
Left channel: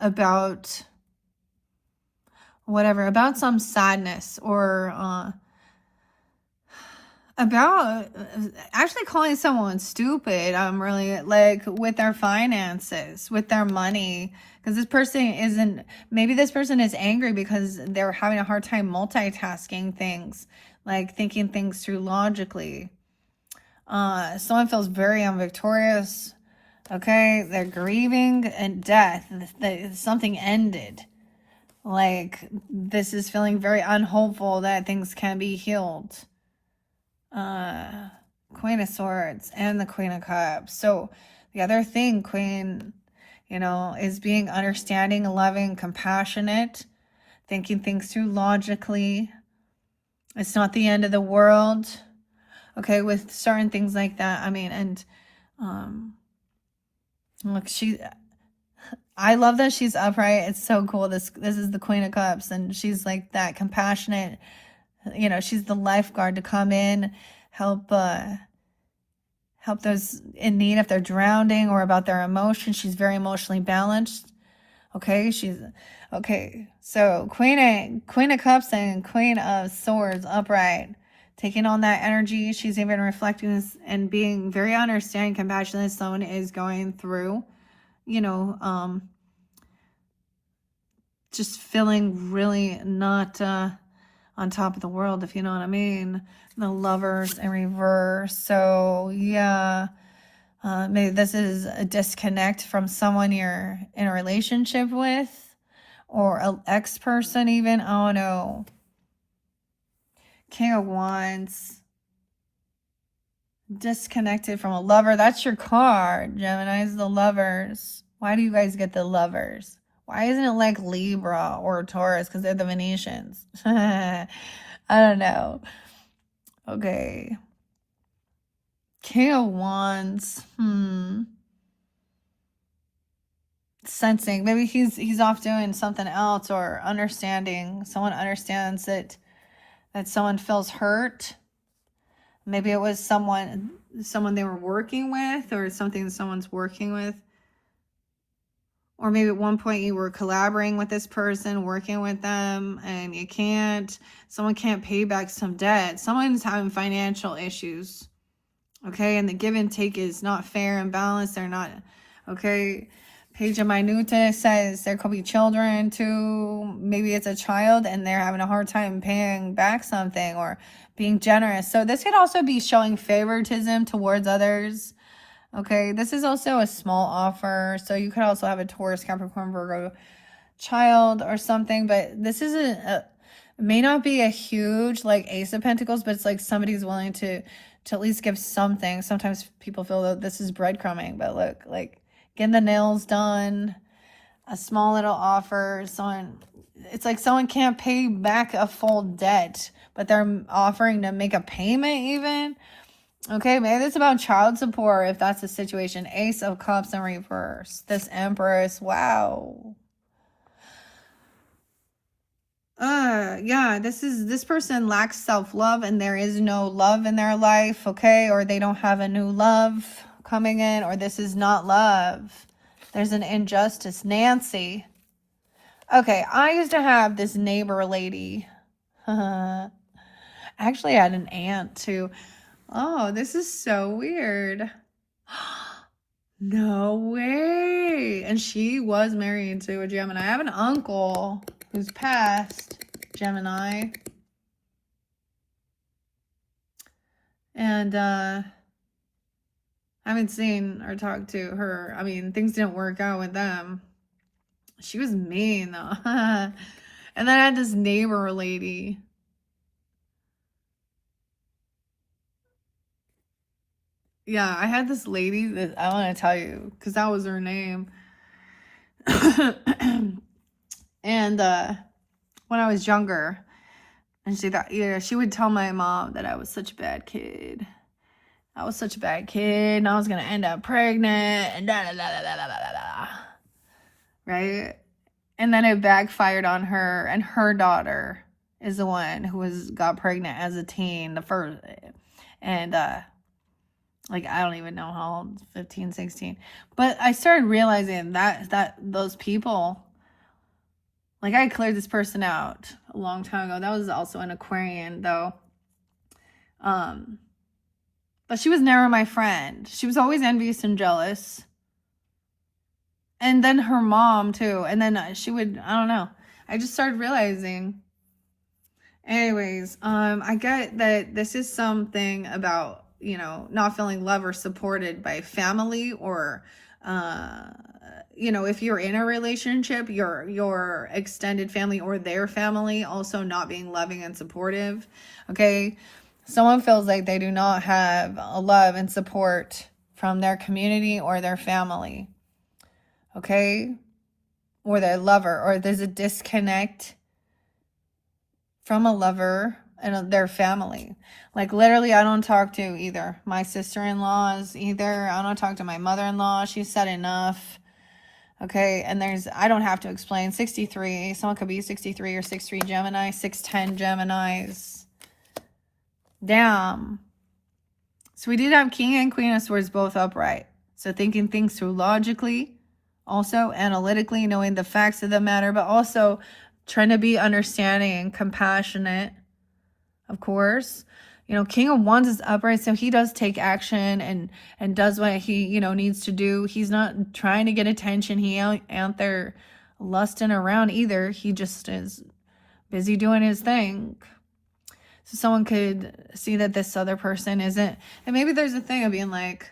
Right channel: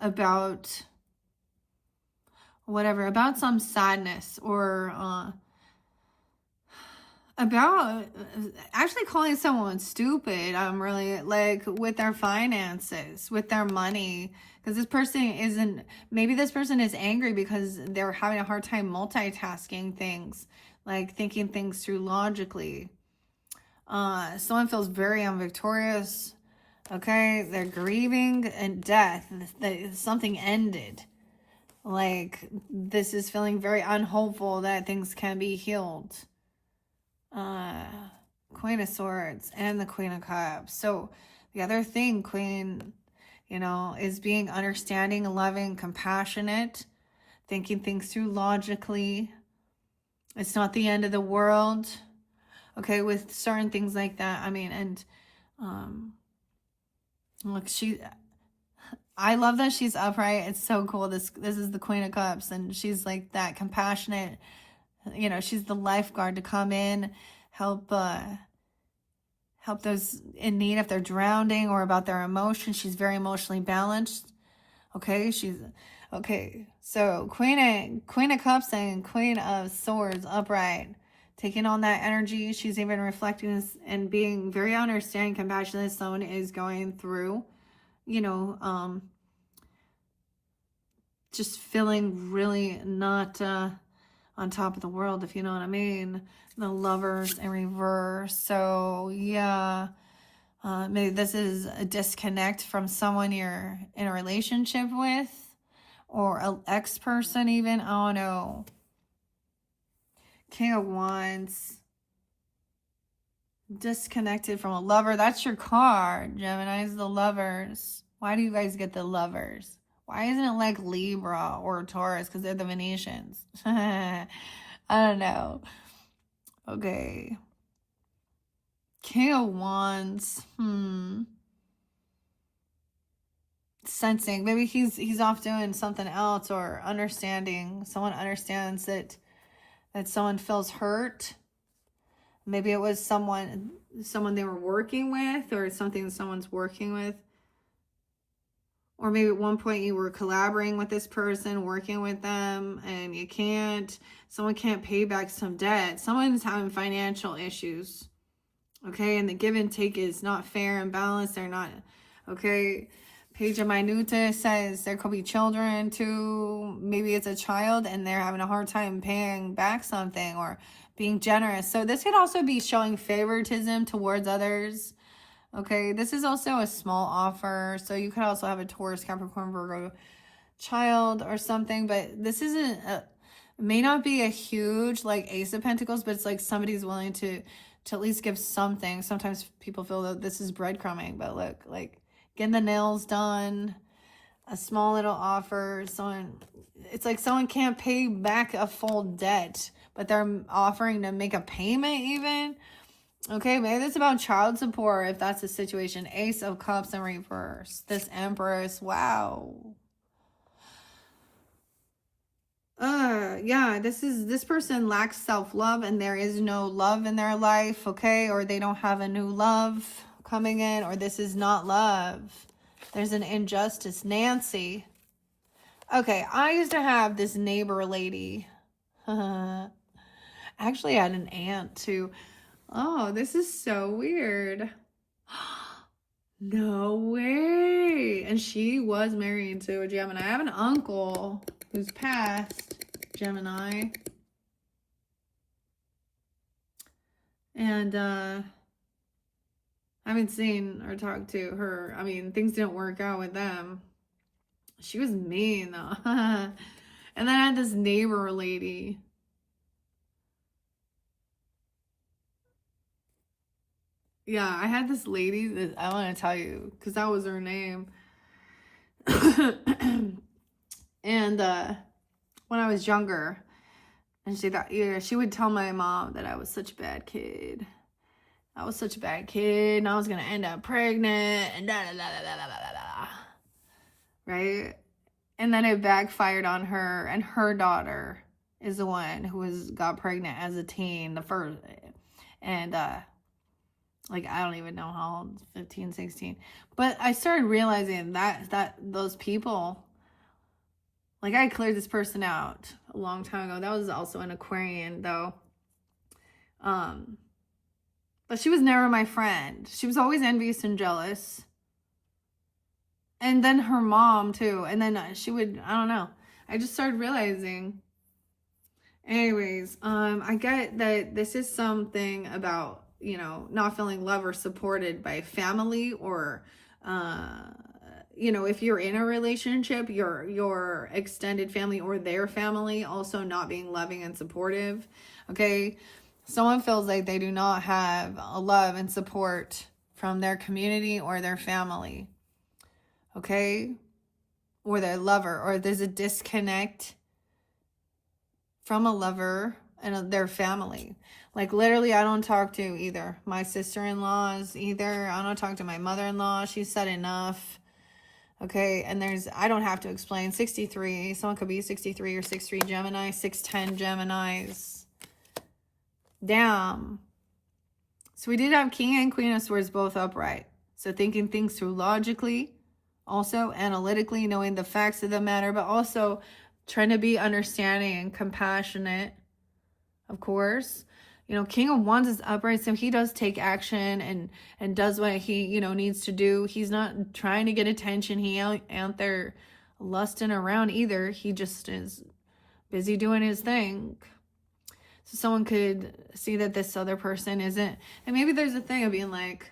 about whatever, about some sadness, or about actually calling someone stupid, really, like with their finances, with their money, because this person isn't, maybe this person is angry because they're having a hard time multitasking things, like thinking things through logically. Someone feels very unvictorious. Okay, they're grieving and death. Something ended. Like, this is feeling very unhopeful that things can be healed. Queen of Swords and the Queen of Cups. So the other thing, Queen, you know, is being understanding, loving, compassionate, thinking things through logically. It's not the end of the world. Okay, with certain things like that. I mean, and look, I love that she's upright. It's so cool. This is the Queen of Cups, and she's like that compassionate, you know, she's the lifeguard to come in, help those in need if they're drowning, or about their emotions. She's very emotionally balanced. Okay, so Queen of Cups and Queen of Swords upright, taking on that energy. She's even reflecting this and being very understanding, compassionate. Someone is going through, you know, just feeling really not on top of the world, if you know what I mean. The Lovers in reverse. So yeah, maybe this is a disconnect from someone you're in a relationship with, or an ex-person even. Oh no. King of Wands. Disconnected from a lover. That's your card, Gemini's, the Lovers. Why do you guys get the Lovers? Why isn't it like Libra or Taurus? Because they're the Venetians. I don't know. Okay. King of Wands. Sensing. Maybe he's off doing something else, or understanding. Someone understands that someone feels hurt. Maybe it was someone they were working with, or something someone's working with. Or maybe at one point you were collaborating with this person, working with them, and you can't. Someone can't pay back some debt. Someone's having financial issues. Okay, and the give and take is not fair and balanced. They're not, okay. Page of Minuta says there could be children too. Maybe it's a child and they're having a hard time paying back something, or being generous. So this could also be showing favoritism towards others. Okay, this is also a small offer. So you could also have a Taurus, Capricorn, Virgo child or something. But this isn't, may not be a huge like Ace of Pentacles, but it's like somebody's willing to at least give something. Sometimes people feel that this is breadcrumbing, but look, like getting the nails done, a small little offer. It's like someone can't pay back a full debt, but they're offering to make a payment even. Okay, maybe it's about child support if that's the situation. Ace of Cups in reverse. This Empress, wow. Yeah, this person lacks self-love, and there is no love in their life, okay? Or they don't have a new love coming in, or this is not love. There's an injustice. Nancy. Okay, I used to have this neighbor lady. Actually, I had an aunt too. Oh, this is so weird. No way. And she was married to a Gemini. I have an uncle who's passed Gemini. And I haven't seen or talked to her. I mean, things didn't work out with them. She was mean though. And then I had this neighbor lady. Yeah, I had this lady that I want to tell you because that was her name. And when I was younger, and she thought, yeah, she would tell my mom that I was such a bad kid. I was such a bad kid, and I was gonna end up pregnant, and da da da da da da da da. Right? And then it backfired on her, and her daughter is the one who got pregnant as a teen, the first, and like I don't even know how old, 15, 16. But I started realizing that those people, like I cleared this person out a long time ago. That was also an Aquarian though. But she was never my friend. She was always envious and jealous. And then her mom too. And then she would, I don't know. I just started realizing. Anyways, I get that this is something about, you know, not feeling loved or supported by family or, you know, if you're in a relationship, your extended family or their family also not being loving and supportive. Okay. Someone feels like they do not have a love and support from their community or their family. Okay. Or their lover, or there's a disconnect from a lover and their family. Like literally, I don't talk to either my sister-in-laws either. I don't talk to my mother-in-law. She said enough. Okay, and I don't have to explain. 63, someone could be 63 or 63 Gemini, 610 Geminis. Damn. So we did have King and Queen of Swords both upright. So thinking things through logically, also analytically, knowing the facts of the matter, but also trying to be understanding and compassionate, of course. You know, King of Wands is upright, so he does take action and does what he, you know, needs to do. He's not trying to get attention. He ain't there lusting around either. He just is busy doing his thing. So someone could see that this other person isn't, and maybe there's a thing of being like,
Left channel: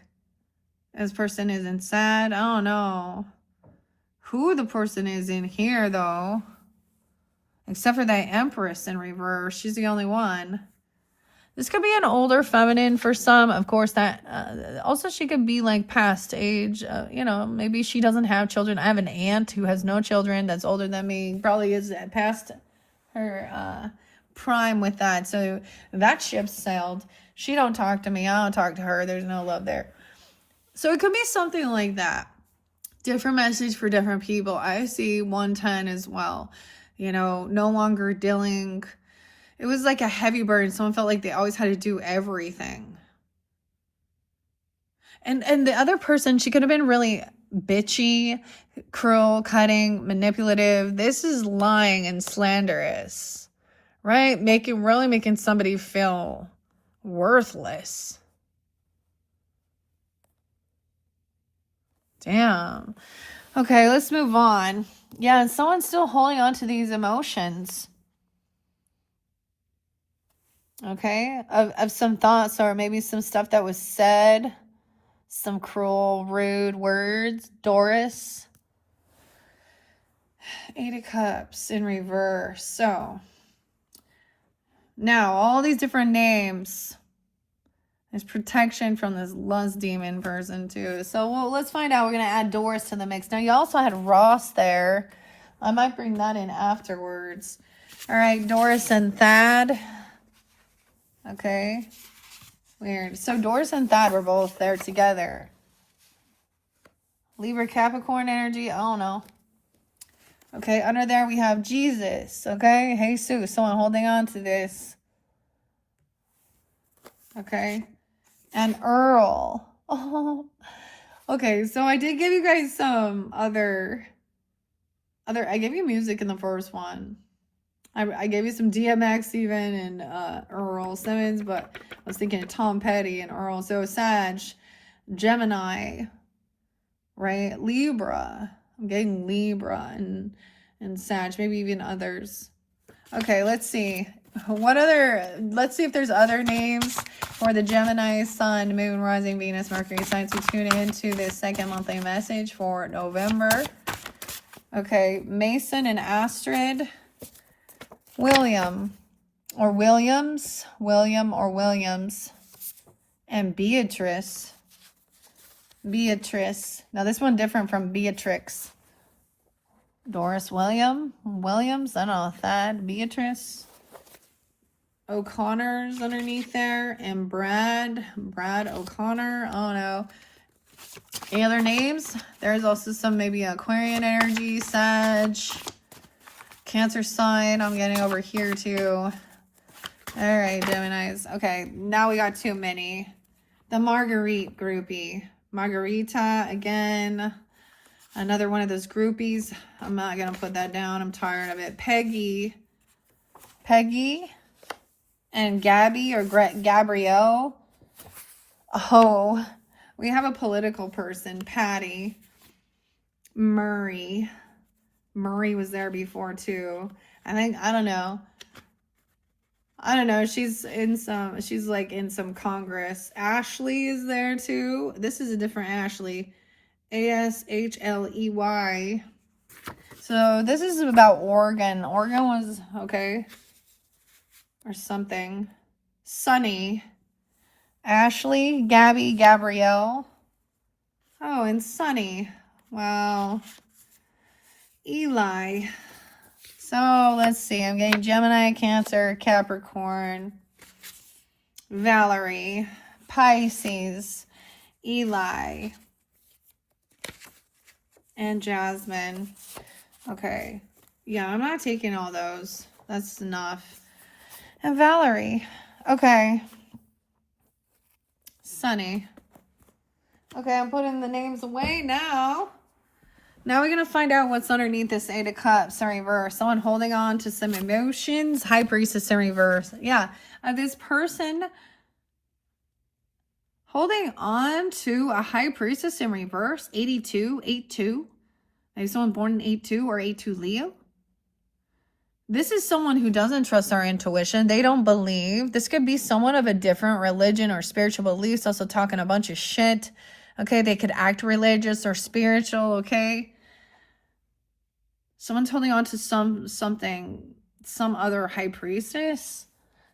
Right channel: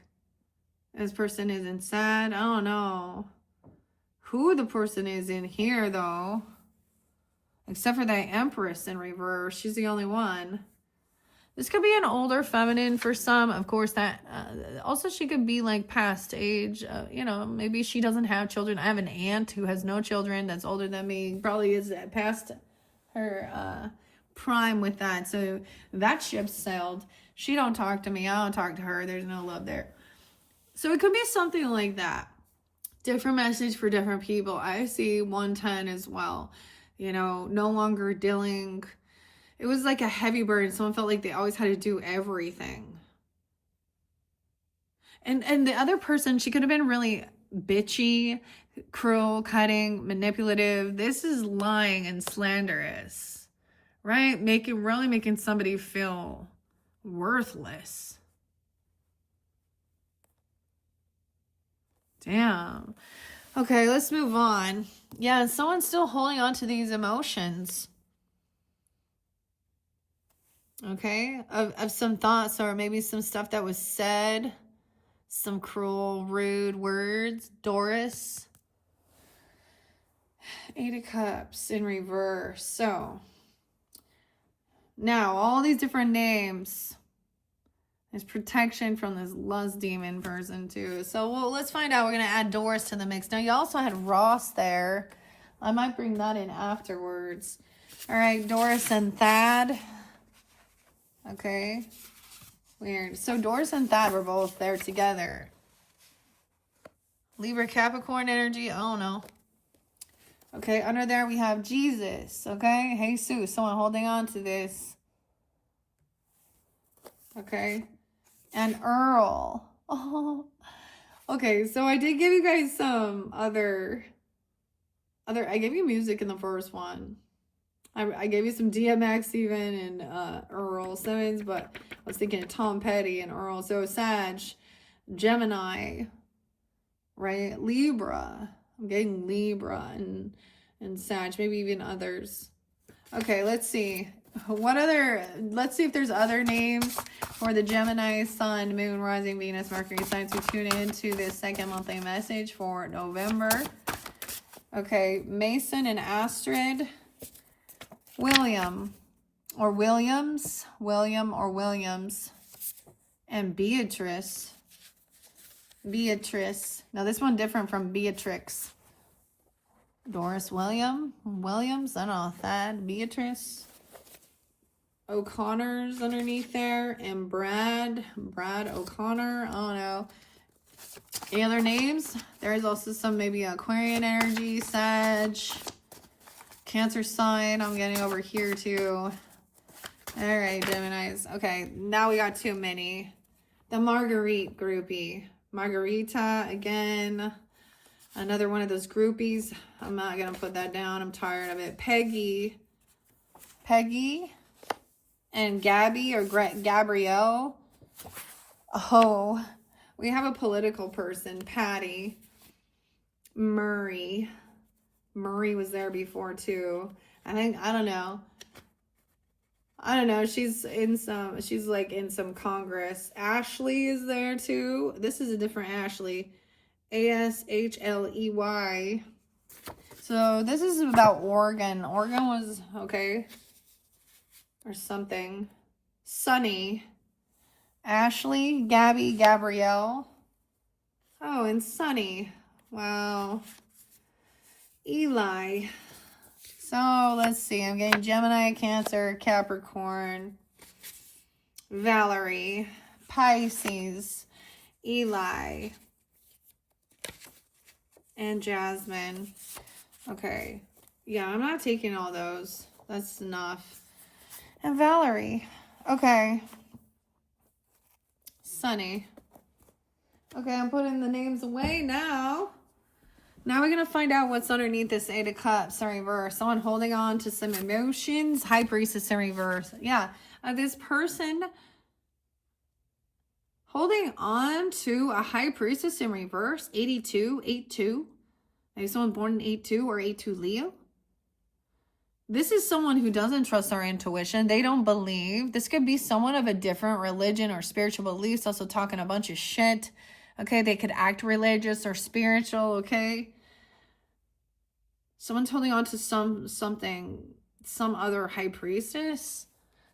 this person isn't sad. I don't know who the person is in here though. Except for that Empress in reverse. She's the only one. This could be an older feminine for some. Of course, that also she could be like past age. You know, maybe she doesn't have children. I have an aunt who has no children that's older than me. Probably is past her prime with that. So that ship sailed. She don't talk to me. I don't talk to her. There's no love there. So it could be something like that. Different message for different people. I see 110 as well. You know, no longer dealing. It was like a heavy burden. Someone felt like they always had to do everything. And the other person, she could have been really bitchy, cruel, cutting, manipulative. This is lying and slanderous, right? Really making somebody feel worthless. Damn. Okay, let's move on. Yeah, and someone's still holding on to these emotions. Okay, of some thoughts or maybe some stuff that was said, some cruel, rude words. Doris. 8 of Cups in reverse. So now all these different names. There's protection from this lust demon person too. So let's find out. We're going to add Doris to the mix. Now you also had Ross there. I might bring that in afterwards. All right, Doris and Thad. Okay. Weird. So Doris and Thad were both there together. Libra Capricorn energy. I don't know. Okay, under there we have Jesus. Okay, Jesus. Someone holding on to this. Okay. And Earl. Oh. Okay, so I did give you guys some other I gave you music in the first one. I gave you some DMX even and Earl Simmons, but I was thinking of Tom Petty and Earl. So Sag, Gemini, right? Libra. I'm getting Libra and Sag, maybe even others. Okay, let's see. Let's see if there's other names for the Gemini, Sun, Moon, Rising, Venus, Mercury signs to tune into this second monthly message for November. Okay, Mason and Astrid, William or Williams, and Beatrice. Now this one different from Beatrix. Doris Williams, I don't know, Thad, Beatrice. O'Connor's underneath there, and Brad O'Connor. Oh no. Any other names? There's also some maybe Aquarian energy, Sag, Cancer sign. I'm getting over here too. All right, Geminis. Okay, now we got too many. The Marguerite groupie. Margarita again. Another one of those groupies. I'm not going to put that down. I'm tired of it. Peggy and Gabby or Gabrielle. Oh, we have a political person. Patty. Murray was there before too. I don't know. She's like in some Congress. Ashley is there too. This is a different Ashley. Ashley. So this is about Oregon. Oregon was okay. Or something. Sunny. Ashley, Gabby, Gabrielle. Oh, and Sunny. Wow. Eli. So let's see. I'm getting Gemini, Cancer, Capricorn, Valerie, Pisces, Eli, and Jasmine. Okay. Yeah, I'm not taking all those. That's enough. And Valerie. Okay. Sunny. Okay, I'm putting the names away now. Now we're going to find out what's underneath this Eight of Cups in reverse. Someone holding on to some emotions. High Priestess in reverse. Yeah. This person holding on to a High Priestess in reverse. 82. Maybe someone born in 82 or 82 Leo. This is someone who doesn't trust our intuition. They don't believe. This could be someone of a different religion or spiritual beliefs, also talking a bunch of shit. Okay, they could act religious or spiritual, okay? Someone's holding on to some other high priestess.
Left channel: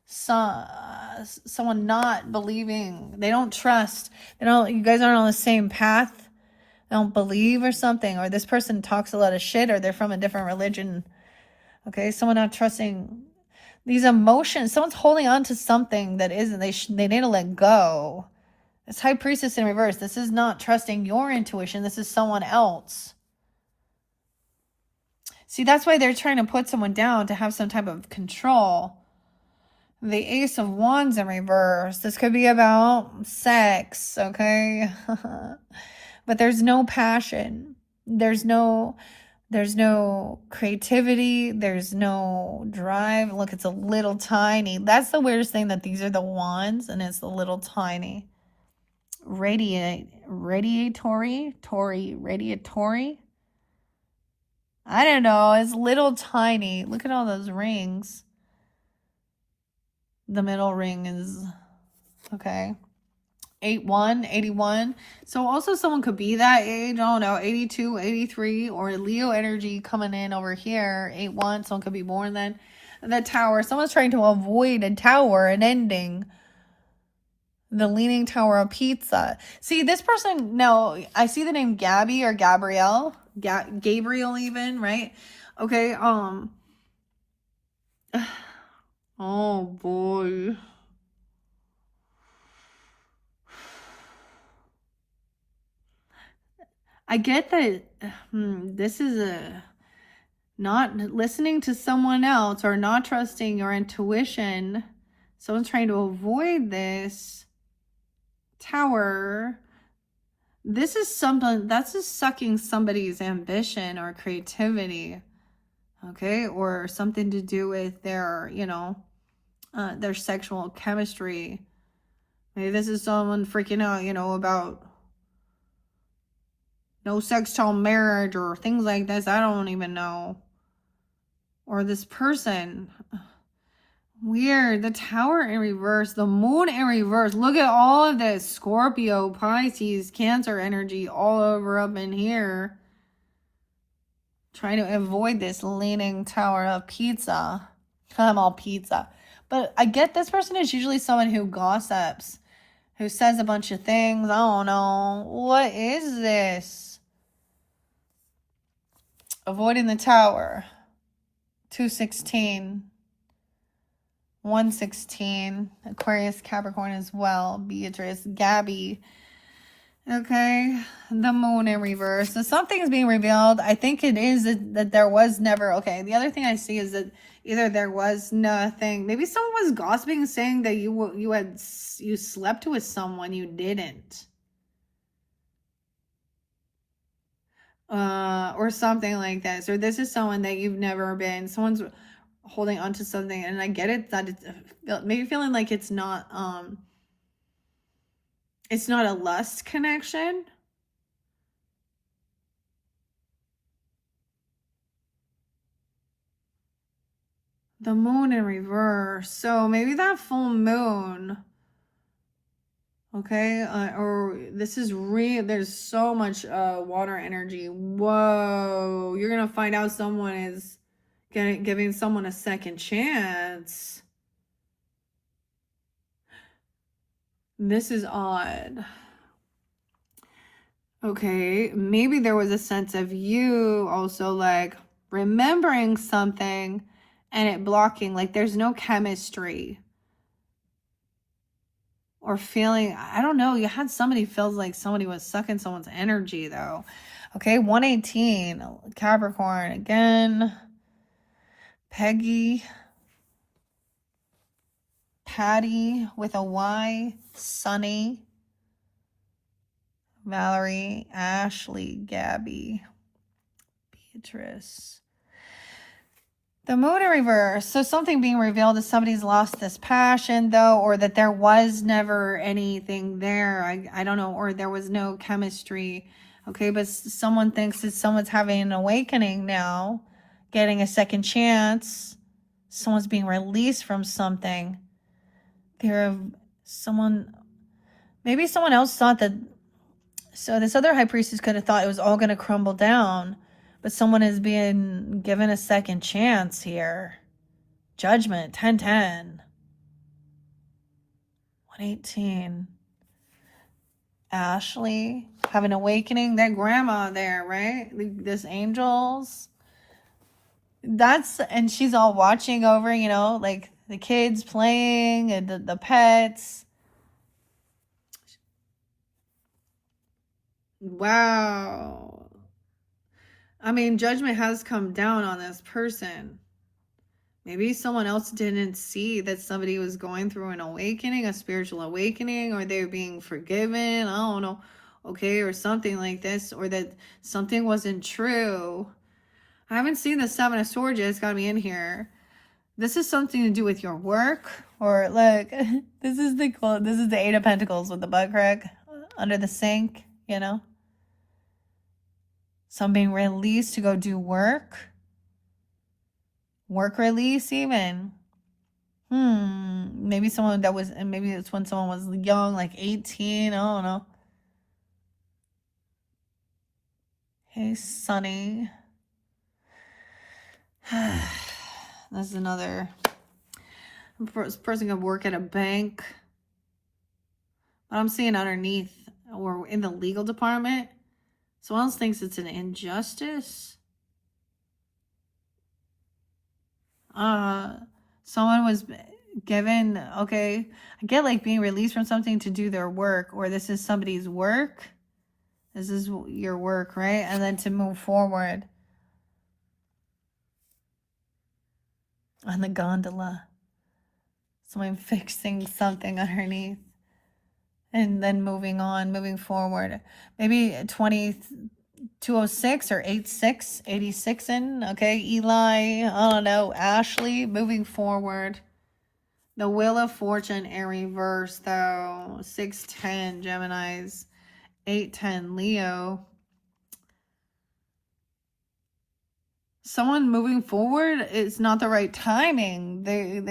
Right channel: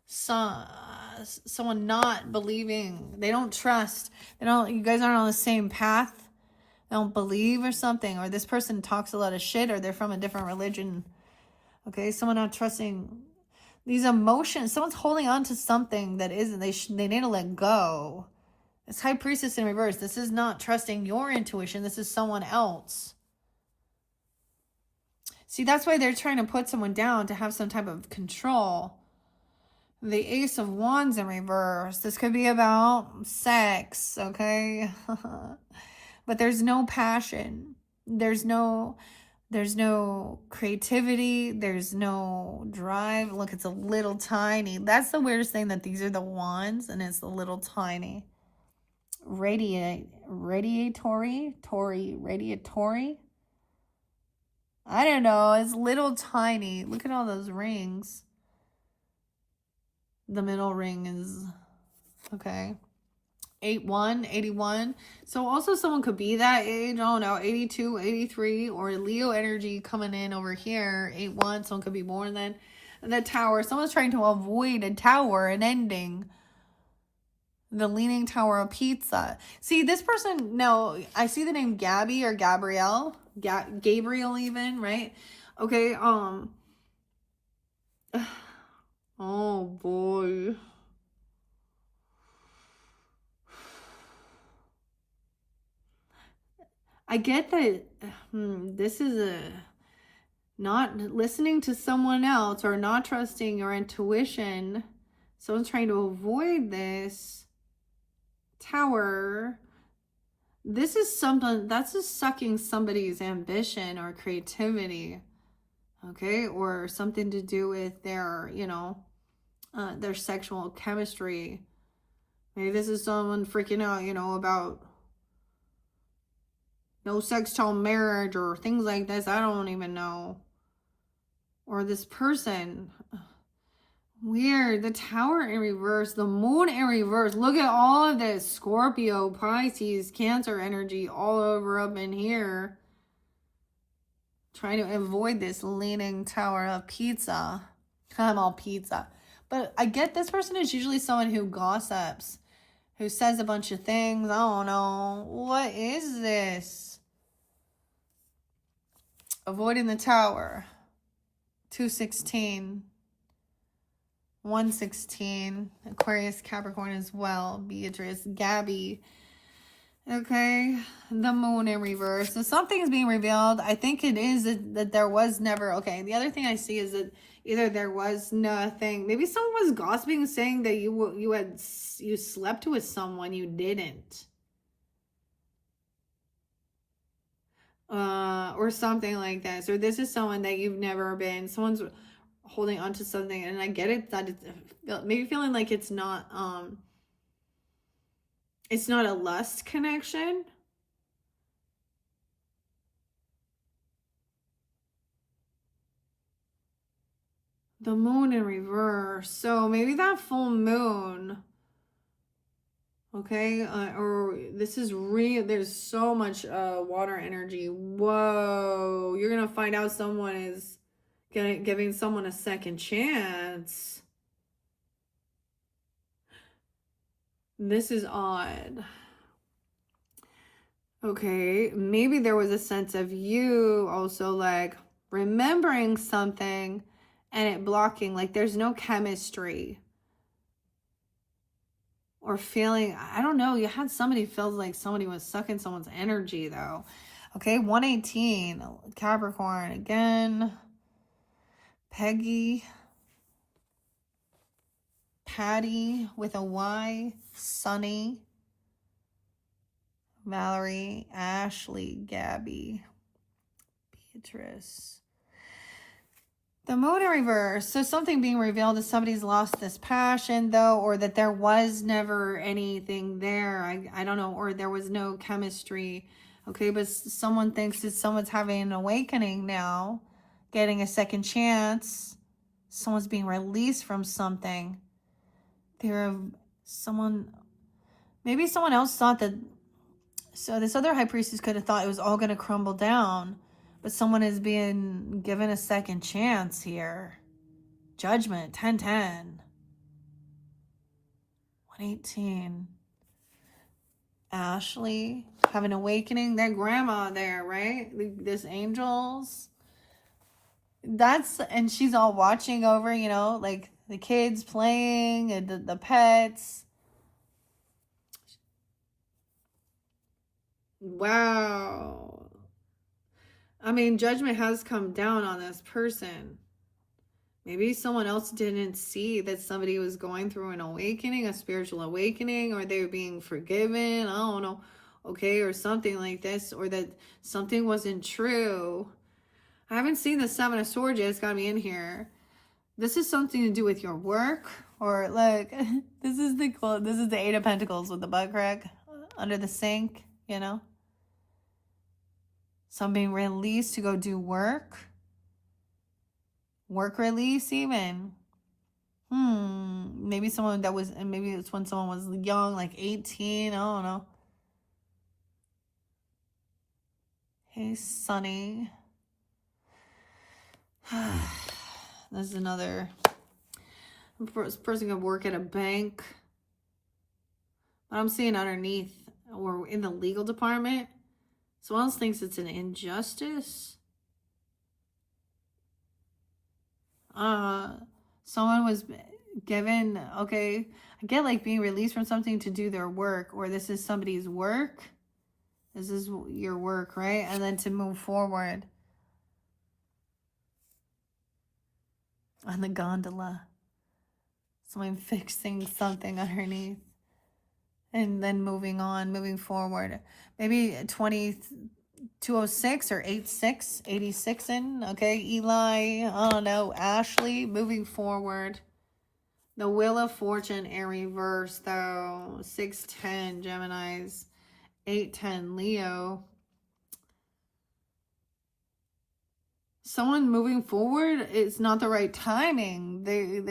Someone not believing. They don't trust. You guys aren't on the same path. They don't believe or something. Or this person talks a lot of shit, or they're from a different religion. Okay, someone not trusting these emotions. Someone's holding on to something that isn't. They need to let go. This High Priestess in reverse. This is not trusting your intuition. This is someone else. See, that's why they're trying to put someone down to have some type of control. The Ace of Wands in reverse. This could be about sex, okay? But there's no passion. There's no creativity. There's no drive. Look, it's a little tiny. That's the weirdest thing, that these are the wands and it's a little tiny. Radiatory. I don't know. It's little tiny. Look at all those rings. The middle ring is okay. 81. So also someone could be that age. I don't know, 82, 83, or Leo energy coming in over here. 81. Someone could be born then. The Tower. Someone's trying to avoid a tower, an ending. The Leaning Tower of Pizza. See, this person, no, I see the name Gabby or Gabrielle. Gabriel even, right? Okay, oh boy. I get that this is a not listening to someone else or not trusting your intuition. Someone's trying to avoid this Tower. This is something that's just sucking somebody's ambition or creativity, okay, or something to do with their, you know, their sexual chemistry. Maybe this is someone freaking out, you know, about no sex till marriage or things like this. I don't even know. Or this person. Weird. The Tower in reverse. The Moon in reverse. Look at all of this Scorpio, Pisces, Cancer energy all over up in here. Trying to avoid this Leaning Tower of Pizza. I'm all pizza. But I get this person is usually someone who gossips, who says a bunch of things. I don't know. What is this? Avoiding the Tower. 216. 116. Aquarius, Capricorn as well. Beatrice, Gabby. Okay. The Moon in reverse. So something's being revealed. I think it is that there was never. Okay. The other thing I see is that either there was nothing. Maybe someone was gossiping, saying that you slept with someone you didn't. Or something like this. Or this is someone that you've never been. Someone's holding on to something, and I get it that it's maybe feeling like it's not a lust connection. The Moon in reverse. So maybe that full moon. Okay, or this is real. There's so much water energy. Whoa, you're gonna find out someone is giving someone a second chance. This is odd. Okay, maybe there was a sense of you also like remembering something and it blocking, like there's no chemistry. Or feeling, I don't know, you had somebody feels like somebody was sucking someone's energy though. Okay, 118, Capricorn again. Peggy. Patty with a Y. Sunny. Valerie. Ashley. Gabby. Beatrice. The Moon in reverse. So something being revealed is somebody's lost this passion though, or that there was never anything there. I don't know, or there was no chemistry. Okay, but someone thinks that someone's having an awakening now, getting a second chance. Someone's being released from something. Maybe someone else thought that, so this other high priestess could have thought it was all going to crumble down. But someone is being given a second chance here. Judgment, 1010. 118. Ashley, have an awakening. That grandma there, right? This angels. And she's all watching over, you know, like the kids playing and the pets. Wow. I mean, judgment has come down on this person. Maybe someone else didn't see that somebody was going through an awakening, a spiritual awakening, or they're being forgiven. I don't know. Okay, or something like this, or that something wasn't true. I haven't seen the Seven of Swords yet. It's got me in here. This is something to do with your work, or like this is the Eight of Pentacles with the butt crack under the sink, you know. Some being released to go do work. Work release even. Maybe someone that was, and maybe it's when someone was young, like 18. I don't know. Hey, Sunny. This is another person could work at a bank. But I'm seeing underneath, or in the legal department, someone else thinks it's an injustice. Someone was given, okay, I get like being released from something to do their work, or this is somebody's work. This is your work, right? And then to move forward. On the gondola. Someone fixing something underneath. and then moving on, moving forward. Maybe 2206 or 86 in. Okay, Eli, I don't know, Ashley, moving forward. The Wheel of Fortune in reverse, though. 610 Geminis, 810 Leo. Someone moving forward, it's not the right timing. They're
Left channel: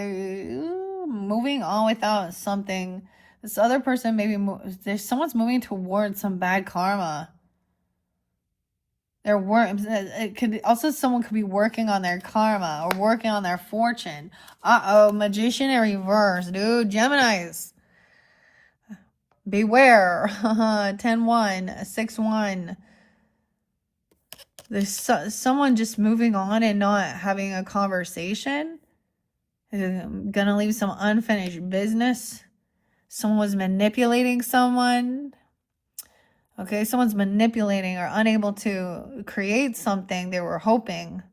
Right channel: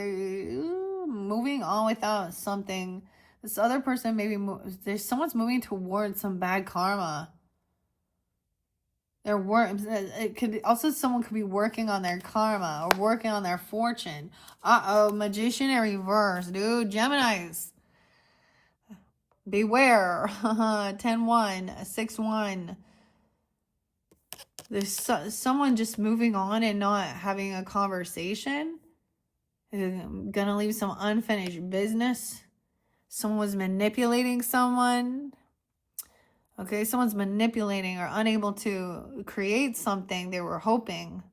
moving on without something. This other person maybe there's someone's moving towards some bad karma. It could also, someone could be working on their karma or working on their fortune. Magician in reverse, dude. Geminis, beware. 10-1, 6-1. There's someone just moving on and not having a conversation. Gonna leave some unfinished business. Someone was manipulating someone. Okay, someone's manipulating or unable to create something they were hoping.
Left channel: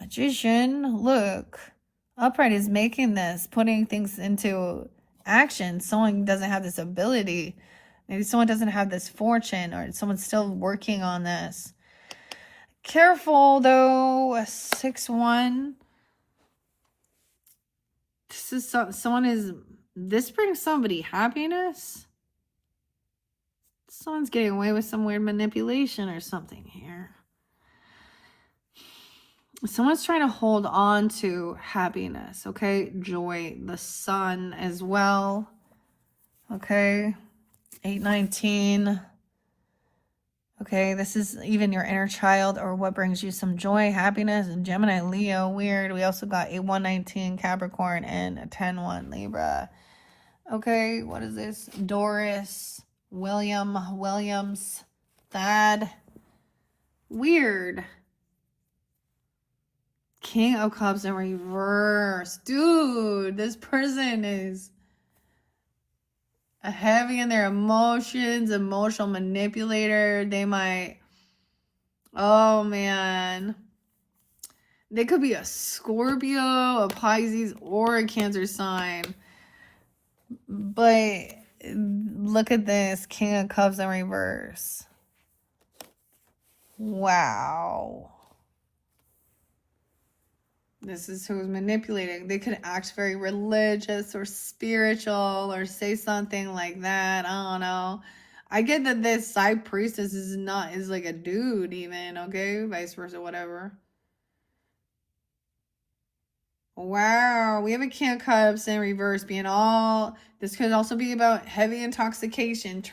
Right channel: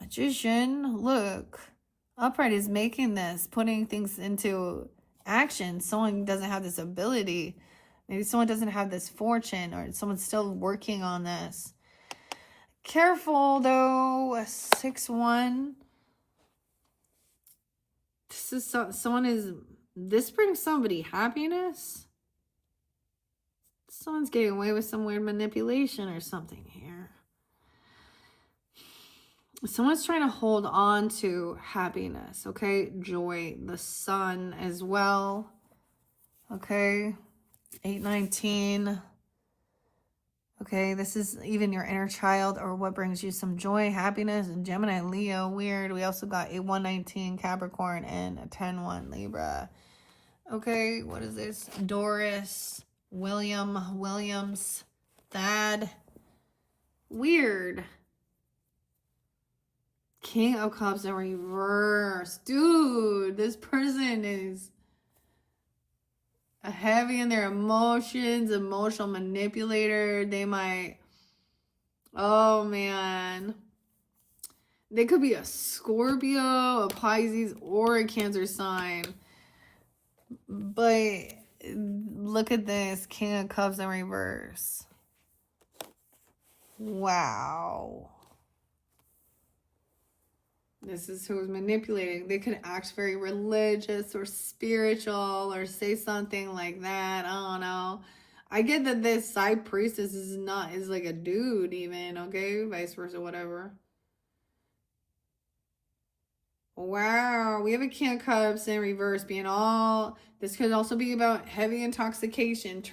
Magician, look. Upright is making this, putting things into action. Someone doesn't have this ability. Maybe someone doesn't have this fortune, or someone's still working on this. Careful, though. 6-1. This is this brings somebody happiness? Someone's getting away with some weird manipulation or something here. Someone's trying to hold on to happiness, okay? Joy, the sun as well. Okay. 8-19. Okay, this is even your inner child or what brings you some joy, happiness. And Gemini, Leo, weird. We also got 8-1-19 Capricorn and 10-1 Libra. Okay, what is this? Doris, Williams, Thad. Weird. King of Cups in reverse. Dude, this person is heavy in their emotions, emotional manipulator. They might, oh man, they could be a Scorpio, a Pisces, or a Cancer sign. But look at this, King of Cups in reverse. Wow. This is who's manipulating. They could act very religious or spiritual or say something like that. I don't know. I get that this side priestess is like a dude even, okay? Vice versa, whatever. Wow, we have a King of Cups in reverse being all. This could also be about heavy intoxication.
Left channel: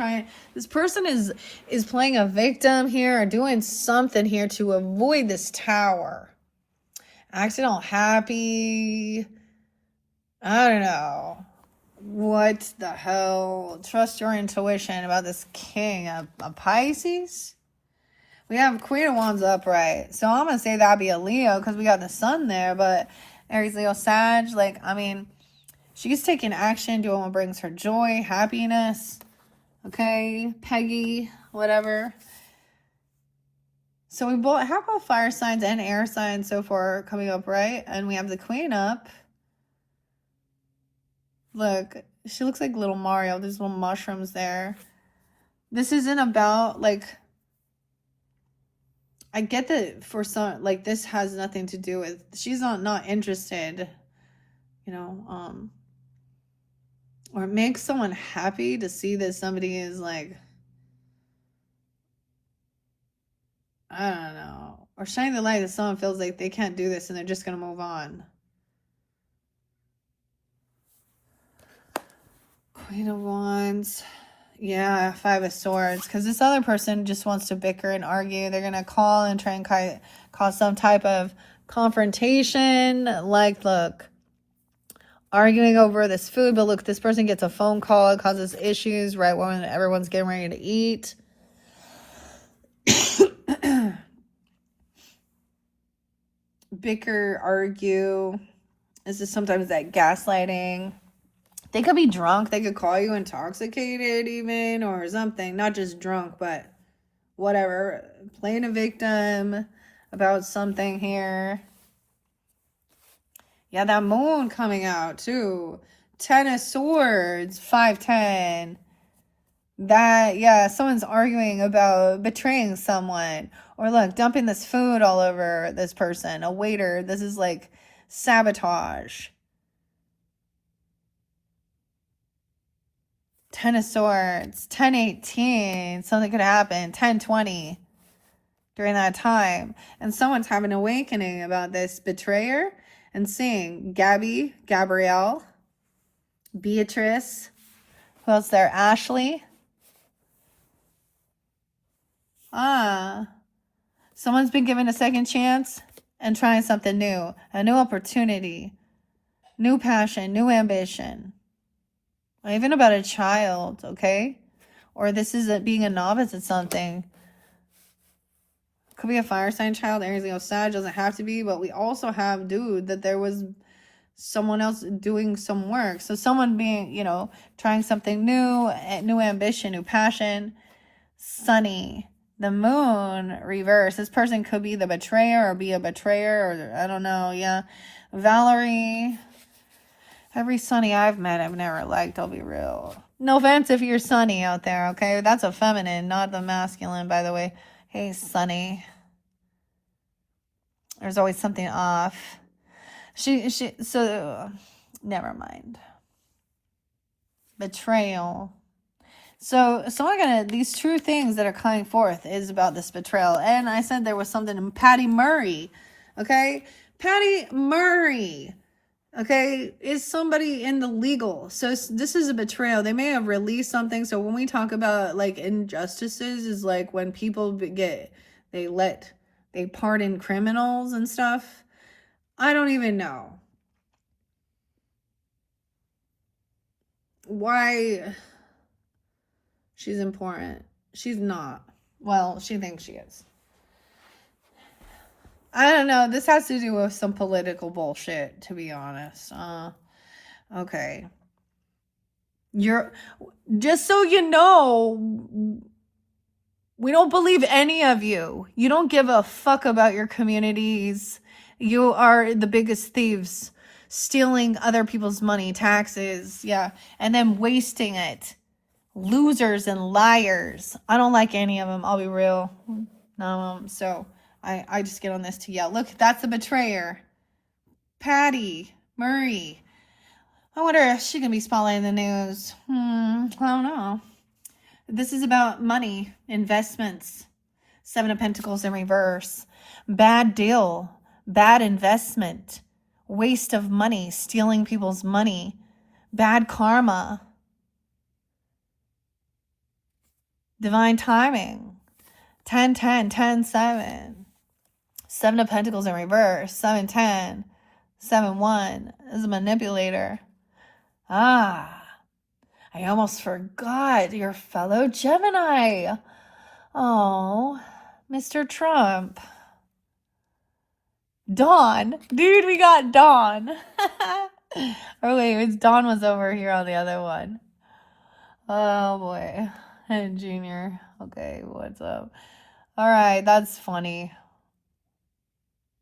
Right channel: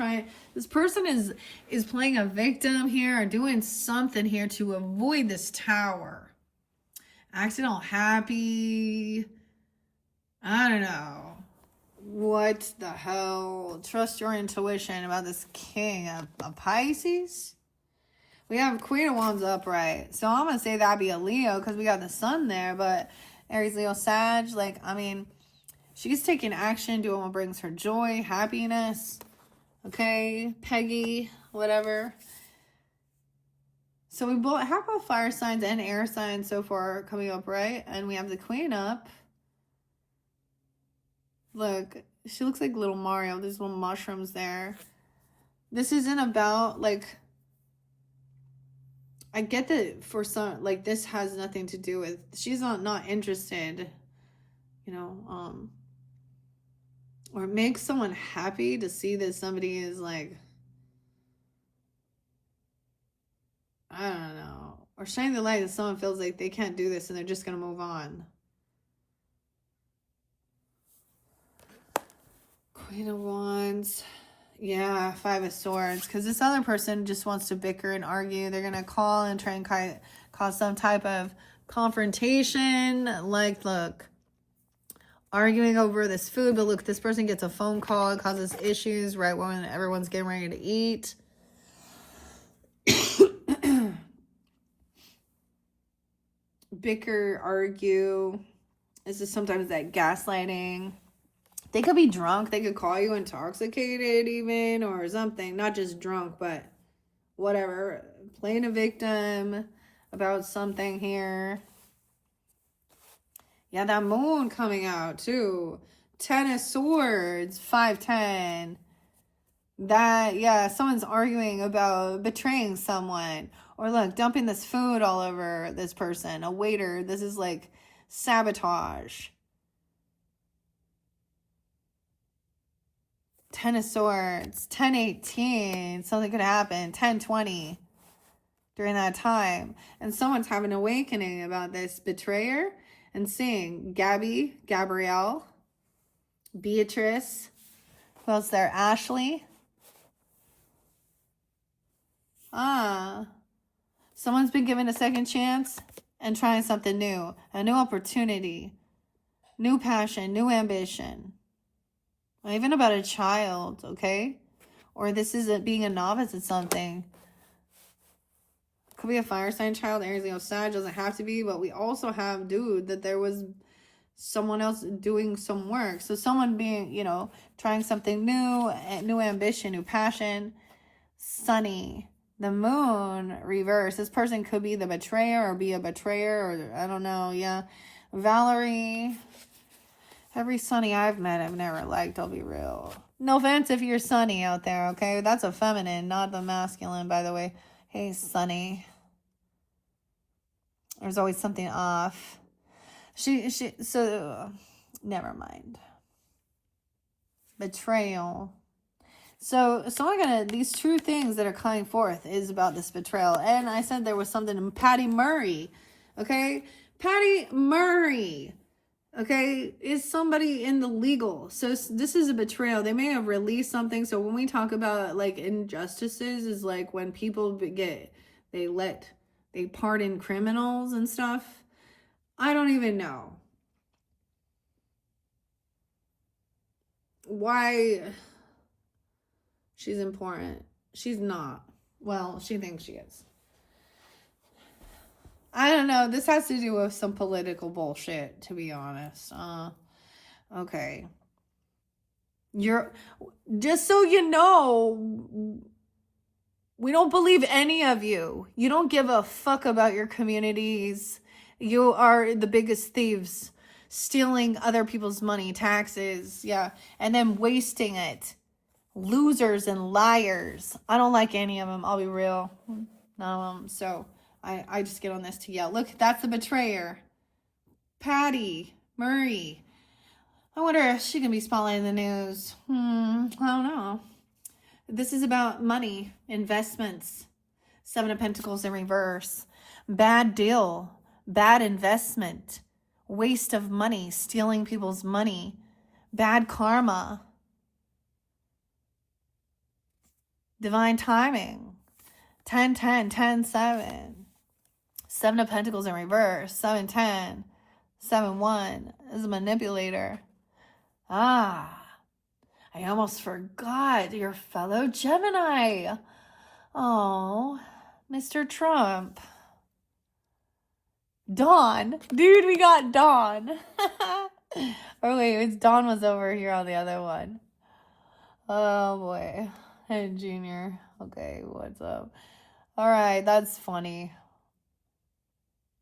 This person is playing a victim here or doing something here to avoid this tower. Accidental happy. I don't know. What the hell? Trust your intuition about this king of Pisces. We have Queen of Wands upright. So I'm going to say that'd be a Leo because we got the sun there. But Aries, Leo, Sag. Like, I mean, she's taking action, doing what brings her joy, happiness. Okay? Peggy, whatever. So we have both fire signs and air signs so far coming up, right? And we have the Queen up. Look, she looks like little Mario. There's little mushrooms there. This isn't about, like, I get that for some, like, this has nothing to do with, she's not interested, you know, or it makes someone happy to see that somebody is, like, I don't know. Or shining the light that someone feels like they can't do this and they're just going to move on. Queen of Wands. Yeah, Five of Swords. Because this other person just wants to bicker and argue. They're going to call and try and cause some type of confrontation. Like, look, arguing over this food. But look, this person gets a phone call. It causes issues right when everyone's getting ready to eat. Bicker, argue. This is sometimes that gaslighting. They could be drunk. They could call you intoxicated even or something. Not just drunk, but whatever. Playing a victim about something here. Yeah, that moon coming out too. Ten of Swords, 510. That, yeah, someone's arguing about betraying someone. Or look, dumping this food all over this person. A waiter. This is like sabotage. Ten of Swords, 1018. Something could happen. 1020 during that time. And someone's having an awakening about this betrayer and seeing Gabrielle, Beatrice. Who else there? Ashley. Someone's been given a second chance and trying something new. A new opportunity. New passion. New ambition. Even about a child, okay? Or this is being a novice at something. Could be a fire sign child. Aries, Leo, Sag. Doesn't have to be. But we also have, dude, that there was someone else doing some work. So someone being, you know, trying something new. New ambition. New passion. Sunny. The moon reverse. This person could be the betrayer or be a betrayer. Or I don't know. Yeah. Valerie. Every Sunny I've met, I've never liked. I'll be real. No offense if you're Sunny out there, okay? That's a feminine, not the masculine, by the way. Hey, Sunny. There's always something off. So, never mind. Betrayal. So I gotta, these true things that are coming forth is about this betrayal. And I said there was something in Patty Murray, okay? Patty Murray, okay, is somebody in the legal. So this is a betrayal. They may have released something. So when we talk about like injustices, is like when people they pardon criminals and stuff. I don't even know why she's important. She's not. Well, she thinks she is. I don't know. This has to do with some political bullshit, to be honest. Okay. Just so you know, we don't believe any of you. You don't give a fuck about your communities. You are the biggest thieves, stealing other people's money, taxes, yeah, and then wasting it. Losers and liars. I don't like any of them. I'll be real. No, so I just get on this to yell. Look, that's a betrayer. Patty Murray. I wonder if she can be spotlighted in the news. I don't know. This is about money, investments. 7 of Pentacles in reverse. Bad deal. Bad investment. Waste of money. Stealing people's money. Bad karma. Divine timing. 10-10, 10-7. 7 of Pentacles in reverse. 7-10. 7-1. This is a manipulator. I almost forgot your fellow Gemini. Oh, Mr. Trump. Dawn. Dude, we got Dawn. Or wait, Dawn was over here on the other one. Oh boy. And Junior. Okay, what's up? All right, that's funny.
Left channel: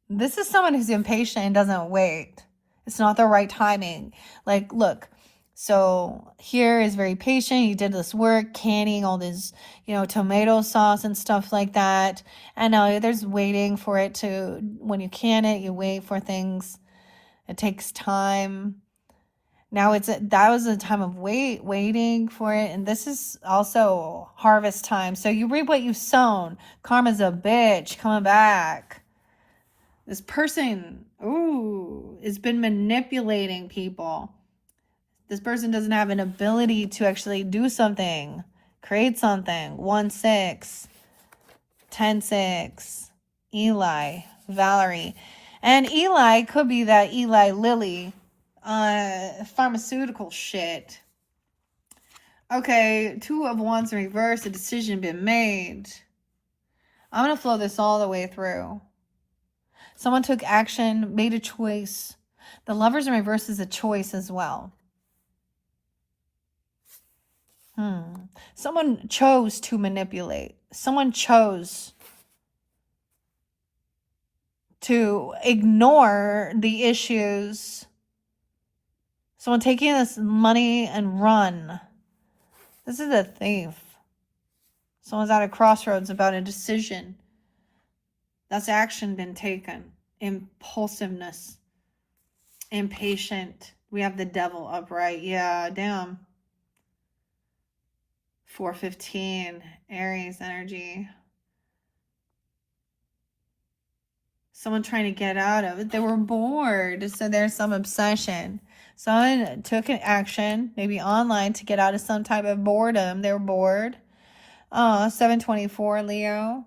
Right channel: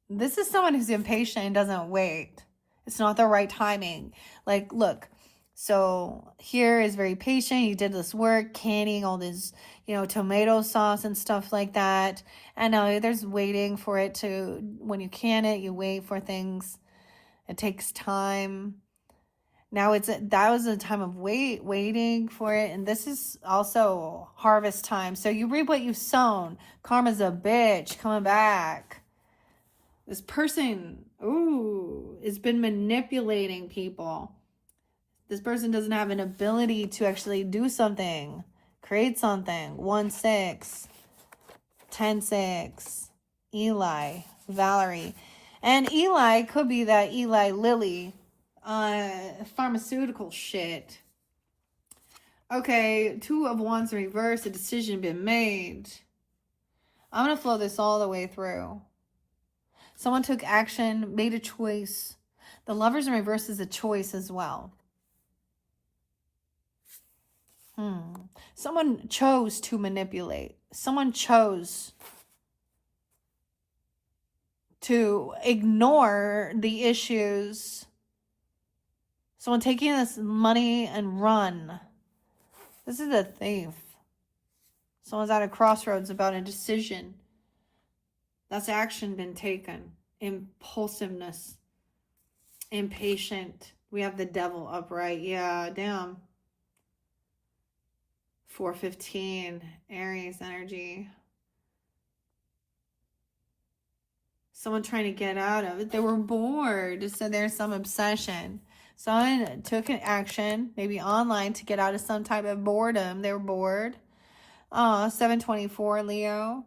This is someone who's impatient and doesn't wait. It's not the right timing. Like, look, so here is very patient. He did this work, canning all this, you know, tomato sauce and stuff like that. And now there's waiting for it to, when you can it, you wait for things. It takes time. Now that was a time of waiting for it. And this is also harvest time. So you reap what you've sown. Karma's a bitch coming back. This person, has been manipulating people. This person doesn't have an ability to actually do something, create something. 1-6, 10-6, Eli, Valerie. And Eli could be that Eli Lilly, pharmaceutical shit. Okay, 2 of Wands in reverse, a decision been made. I'm going to flow this all the way through. Someone took action, made a choice. The Lovers in reverse is a choice as well. Someone chose to manipulate. Someone chose to ignore the issues Someone taking this money and run. This is a thief. Someone's at a crossroads about a decision. That's action been taken. Impulsiveness. Impatient. We have the devil upright. Yeah, damn. 415. Aries energy. Someone trying to get out of it. They were bored. So there's some obsession. Someone took an action, maybe online, to get out of some type of boredom. They were bored. 724 Leo.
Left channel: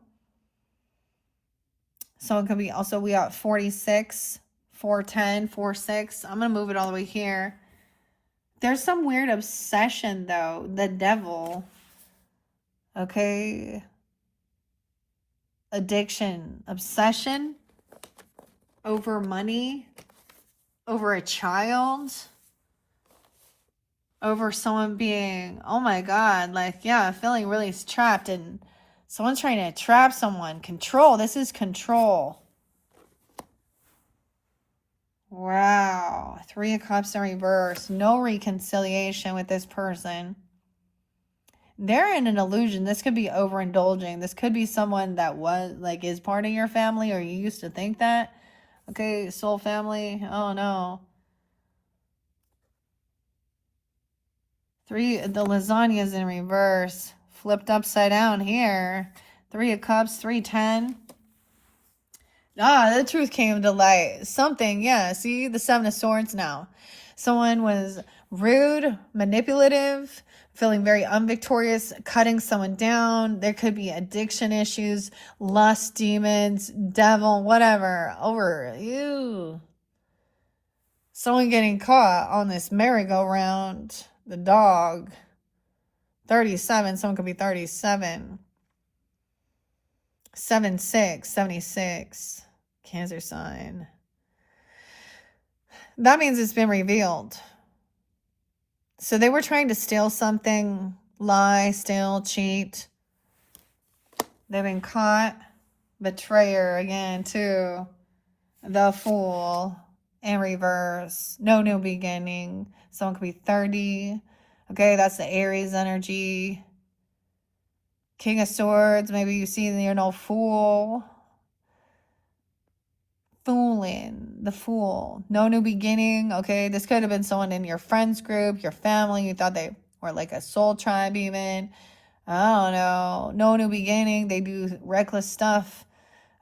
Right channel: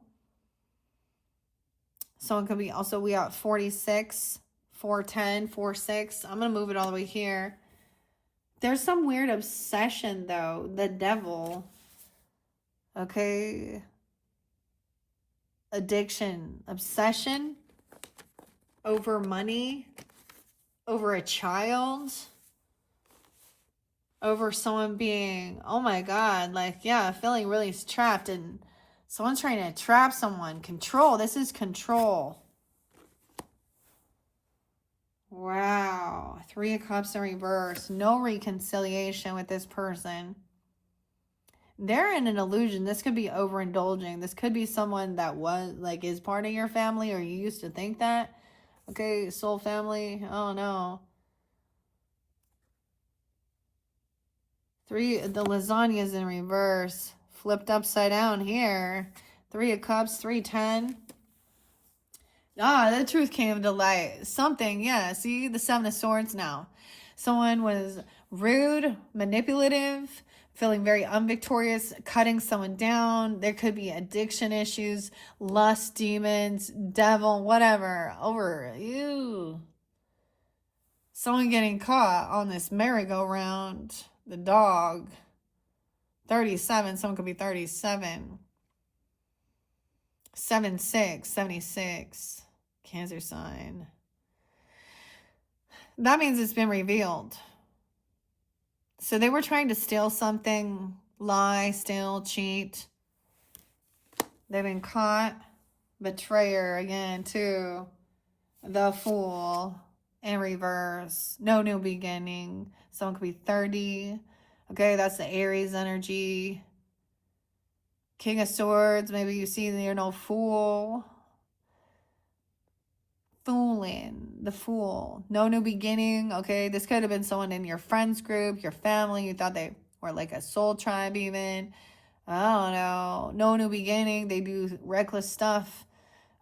Someone could be also, we got 46, 410, 46. I'm going to move it all the way here. There's some weird obsession though. The devil. Okay. Addiction. Obsession. Over money. Over a child. Over someone being, oh my God, like, yeah, feeling really trapped, and someone's trying to trap someone. Control. This is control. Wow. 3 of Cups in reverse. No reconciliation with this person. They're in an illusion. This could be overindulging. This could be someone that was, like, is part of your family, or you used to think that. Okay, soul family. Oh no. 3, the lasagna's in reverse. Flipped upside down here. 3 of Cups, 310. Ah, the truth came to light. Something, yeah. See, the 7 of Swords now. Someone was rude, manipulative, feeling very unvictorious, cutting someone down. There could be addiction issues, lust demons, devil, whatever. Over you. Someone getting caught on this merry-go-round. The dog. 37. Someone could be 37. 76. 76. Cancer sign. That means it's been revealed. So they were trying to steal something, lie, steal, cheat. They've been caught. Betrayer again, too. The Fool in reverse. No new beginning. Someone could be 30. Okay, that's the Aries energy. King of Swords. Maybe you see the Fool. Fooling. The Fool. No new beginning. Okay, this could have been someone in your friends group, your family. You thought they were like a soul tribe even. I don't know. No new beginning. They do reckless stuff.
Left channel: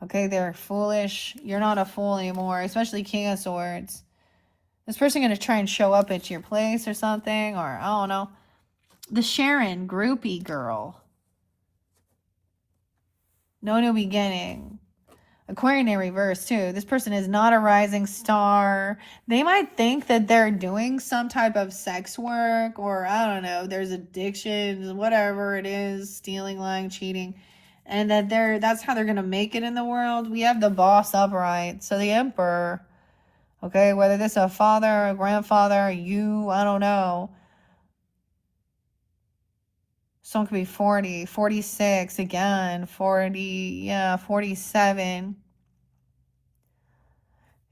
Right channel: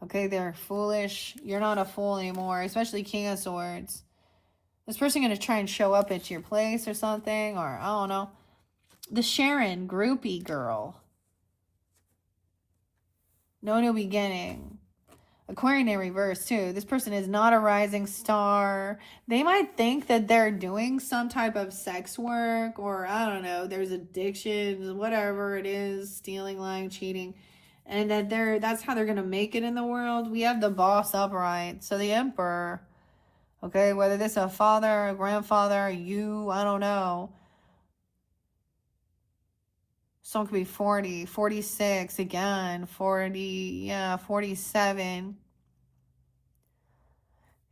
Okay, they're foolish. You're not a fool anymore, especially King of Swords. This person going to try and show up at your place or something, or I don't know. The Sharon, groupie girl. No new beginning. Aquarian in reverse too. This person is not a rising star. They might think that they're doing some type of sex work, or I don't know, there's addictions, whatever it is, stealing, lying, cheating, and that that's how they're gonna make it in the world. We have the Boss upright, so the Emperor. Okay, whether this is a father, a grandfather, you, I don't know. Someone could be 40, 46, again, 40, yeah, 47.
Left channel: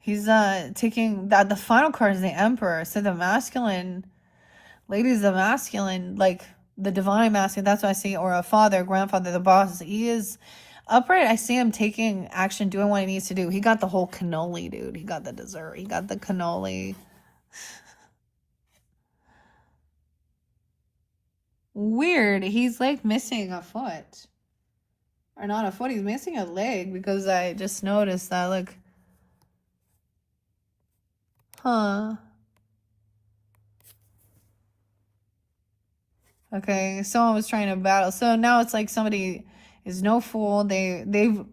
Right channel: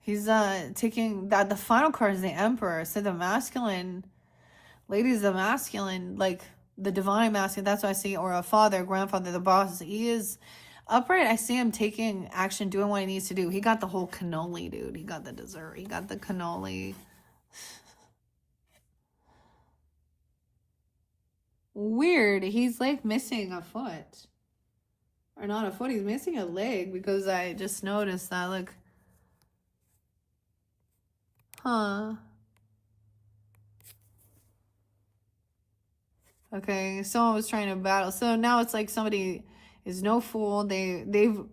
He's taking that. The final card is the Emperor. So the masculine, ladies, the masculine, like the divine masculine, that's what I see, or a father, grandfather, the boss. He is upright. I see him taking action, doing what he needs to do. He got the whole cannoli, dude. He got the dessert. He got the cannoli. Weird. He's like missing a foot. Or not a foot. He's missing a leg, because I just noticed that. Look. Huh. Okay, someone was trying to battle. So now it's like somebody is no fool.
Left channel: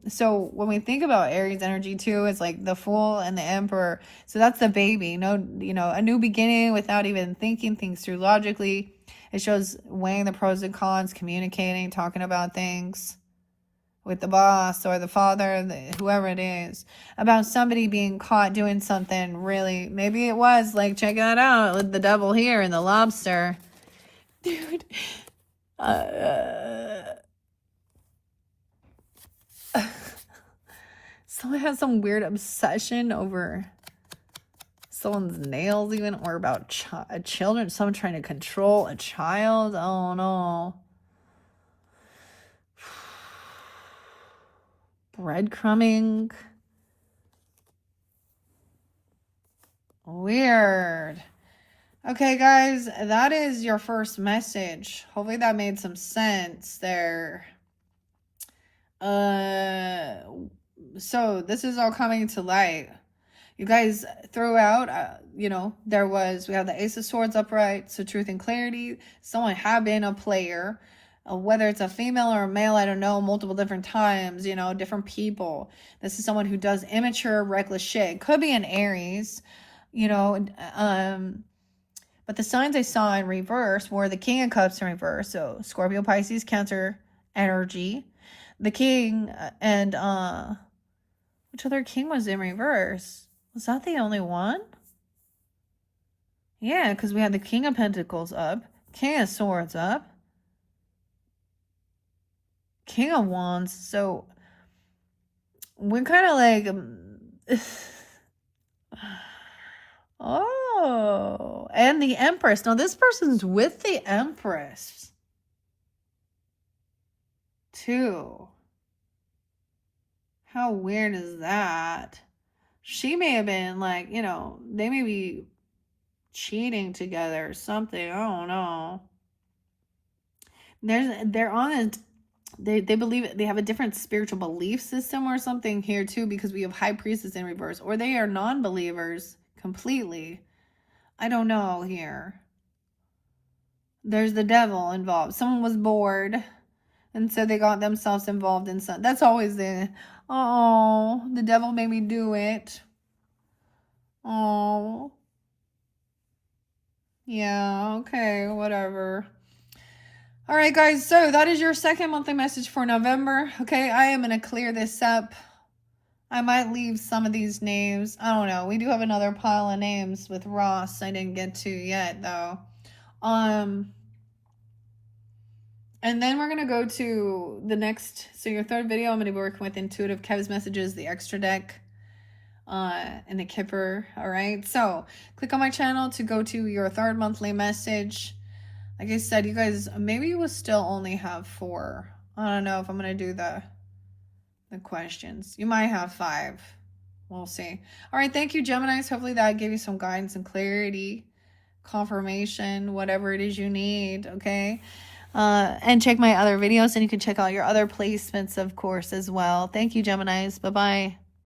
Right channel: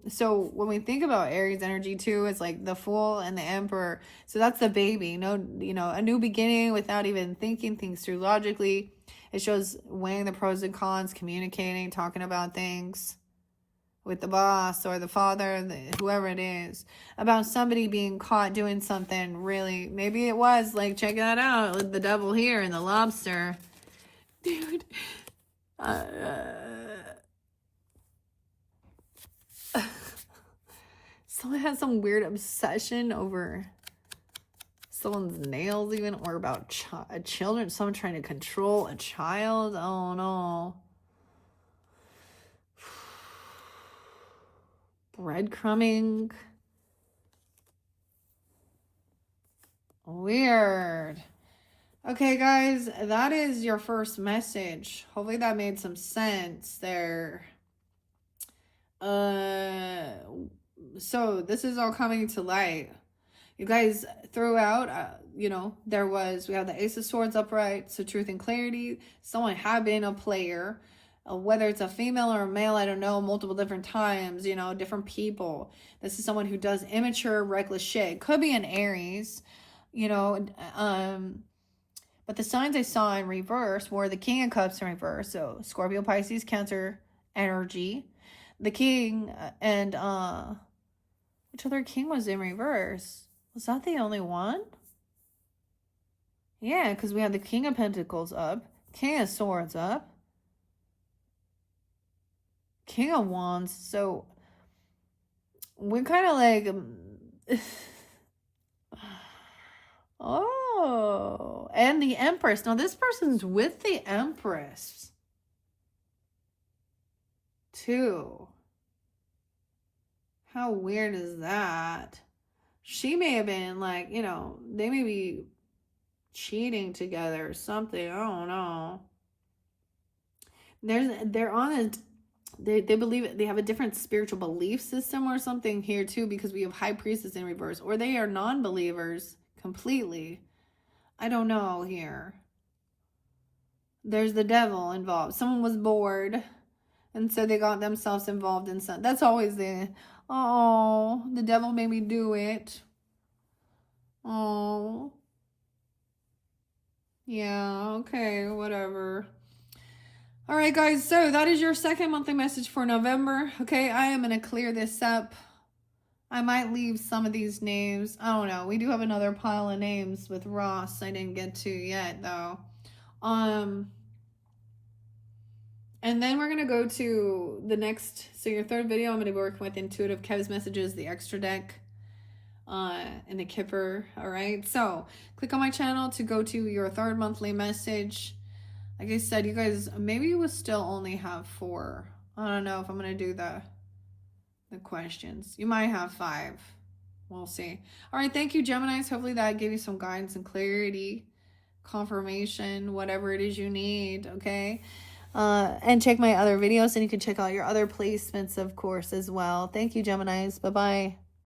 So when we think about Aries energy too, it's like the Fool and the Emperor. So that's the baby. No, a new beginning without even thinking things through logically. It shows weighing the pros and cons, communicating, talking about things with the boss or the father, whoever it is, about somebody being caught doing something really. Maybe it was like, check that out with the devil here and the lobster. Dude. Someone has some weird obsession over someone's nails even, or about children, someone trying to control a child. Oh no. Breadcrumbing. Weird. Okay, guys, that is your first message. Hopefully that made some sense there. So this is all coming to light. You guys throw out, we have the Ace of Swords upright, so truth and clarity. Someone had been a player, whether it's a female or a male, I don't know, multiple different times, different people. This is someone who does immature, reckless shit. It could be an Aries, but the signs I saw in reverse were the King of Cups in reverse. So Scorpio, Pisces, Cancer energy. The King and which other king was in reverse? Was that the only one? Yeah, because we had the King of Pentacles up, King of Swords up, King of Wands. So we're kind of like oh, and the Empress. Now this person's with the Empress too. How weird is that? She may have been like, they may be cheating together or something. I don't know. They're on it. They believe they have a different spiritual belief system or something here too, because we have High Priestess in reverse, or they are non-believers completely. I don't know here. There's the Devil involved. Someone was bored, and so they got themselves involved in something. That's always the devil made me do it. Oh. Yeah, okay, whatever. All right, guys, so that is your second monthly message for November. Okay, I am going to clear this up. I might leave some of these names. I don't know. We do have another pile of names with Ross I didn't get to yet, though. And then we're going to go to the next, so your third video, I'm going to be working with Intuitive Kev's Messages, the extra deck, and the Kipper. All right, so click on my channel to go to your third monthly message. Like I said, you guys, maybe we'll still only have 4. I don't know if I'm going to do the questions. You might have 5. We'll see. All right, thank you, Geminis. Hopefully that gave you some guidance and clarity, confirmation, whatever it is you need, okay? And check my other videos, and you can check out your other placements, of course, as well. Thank you, Geminis. Bye-bye.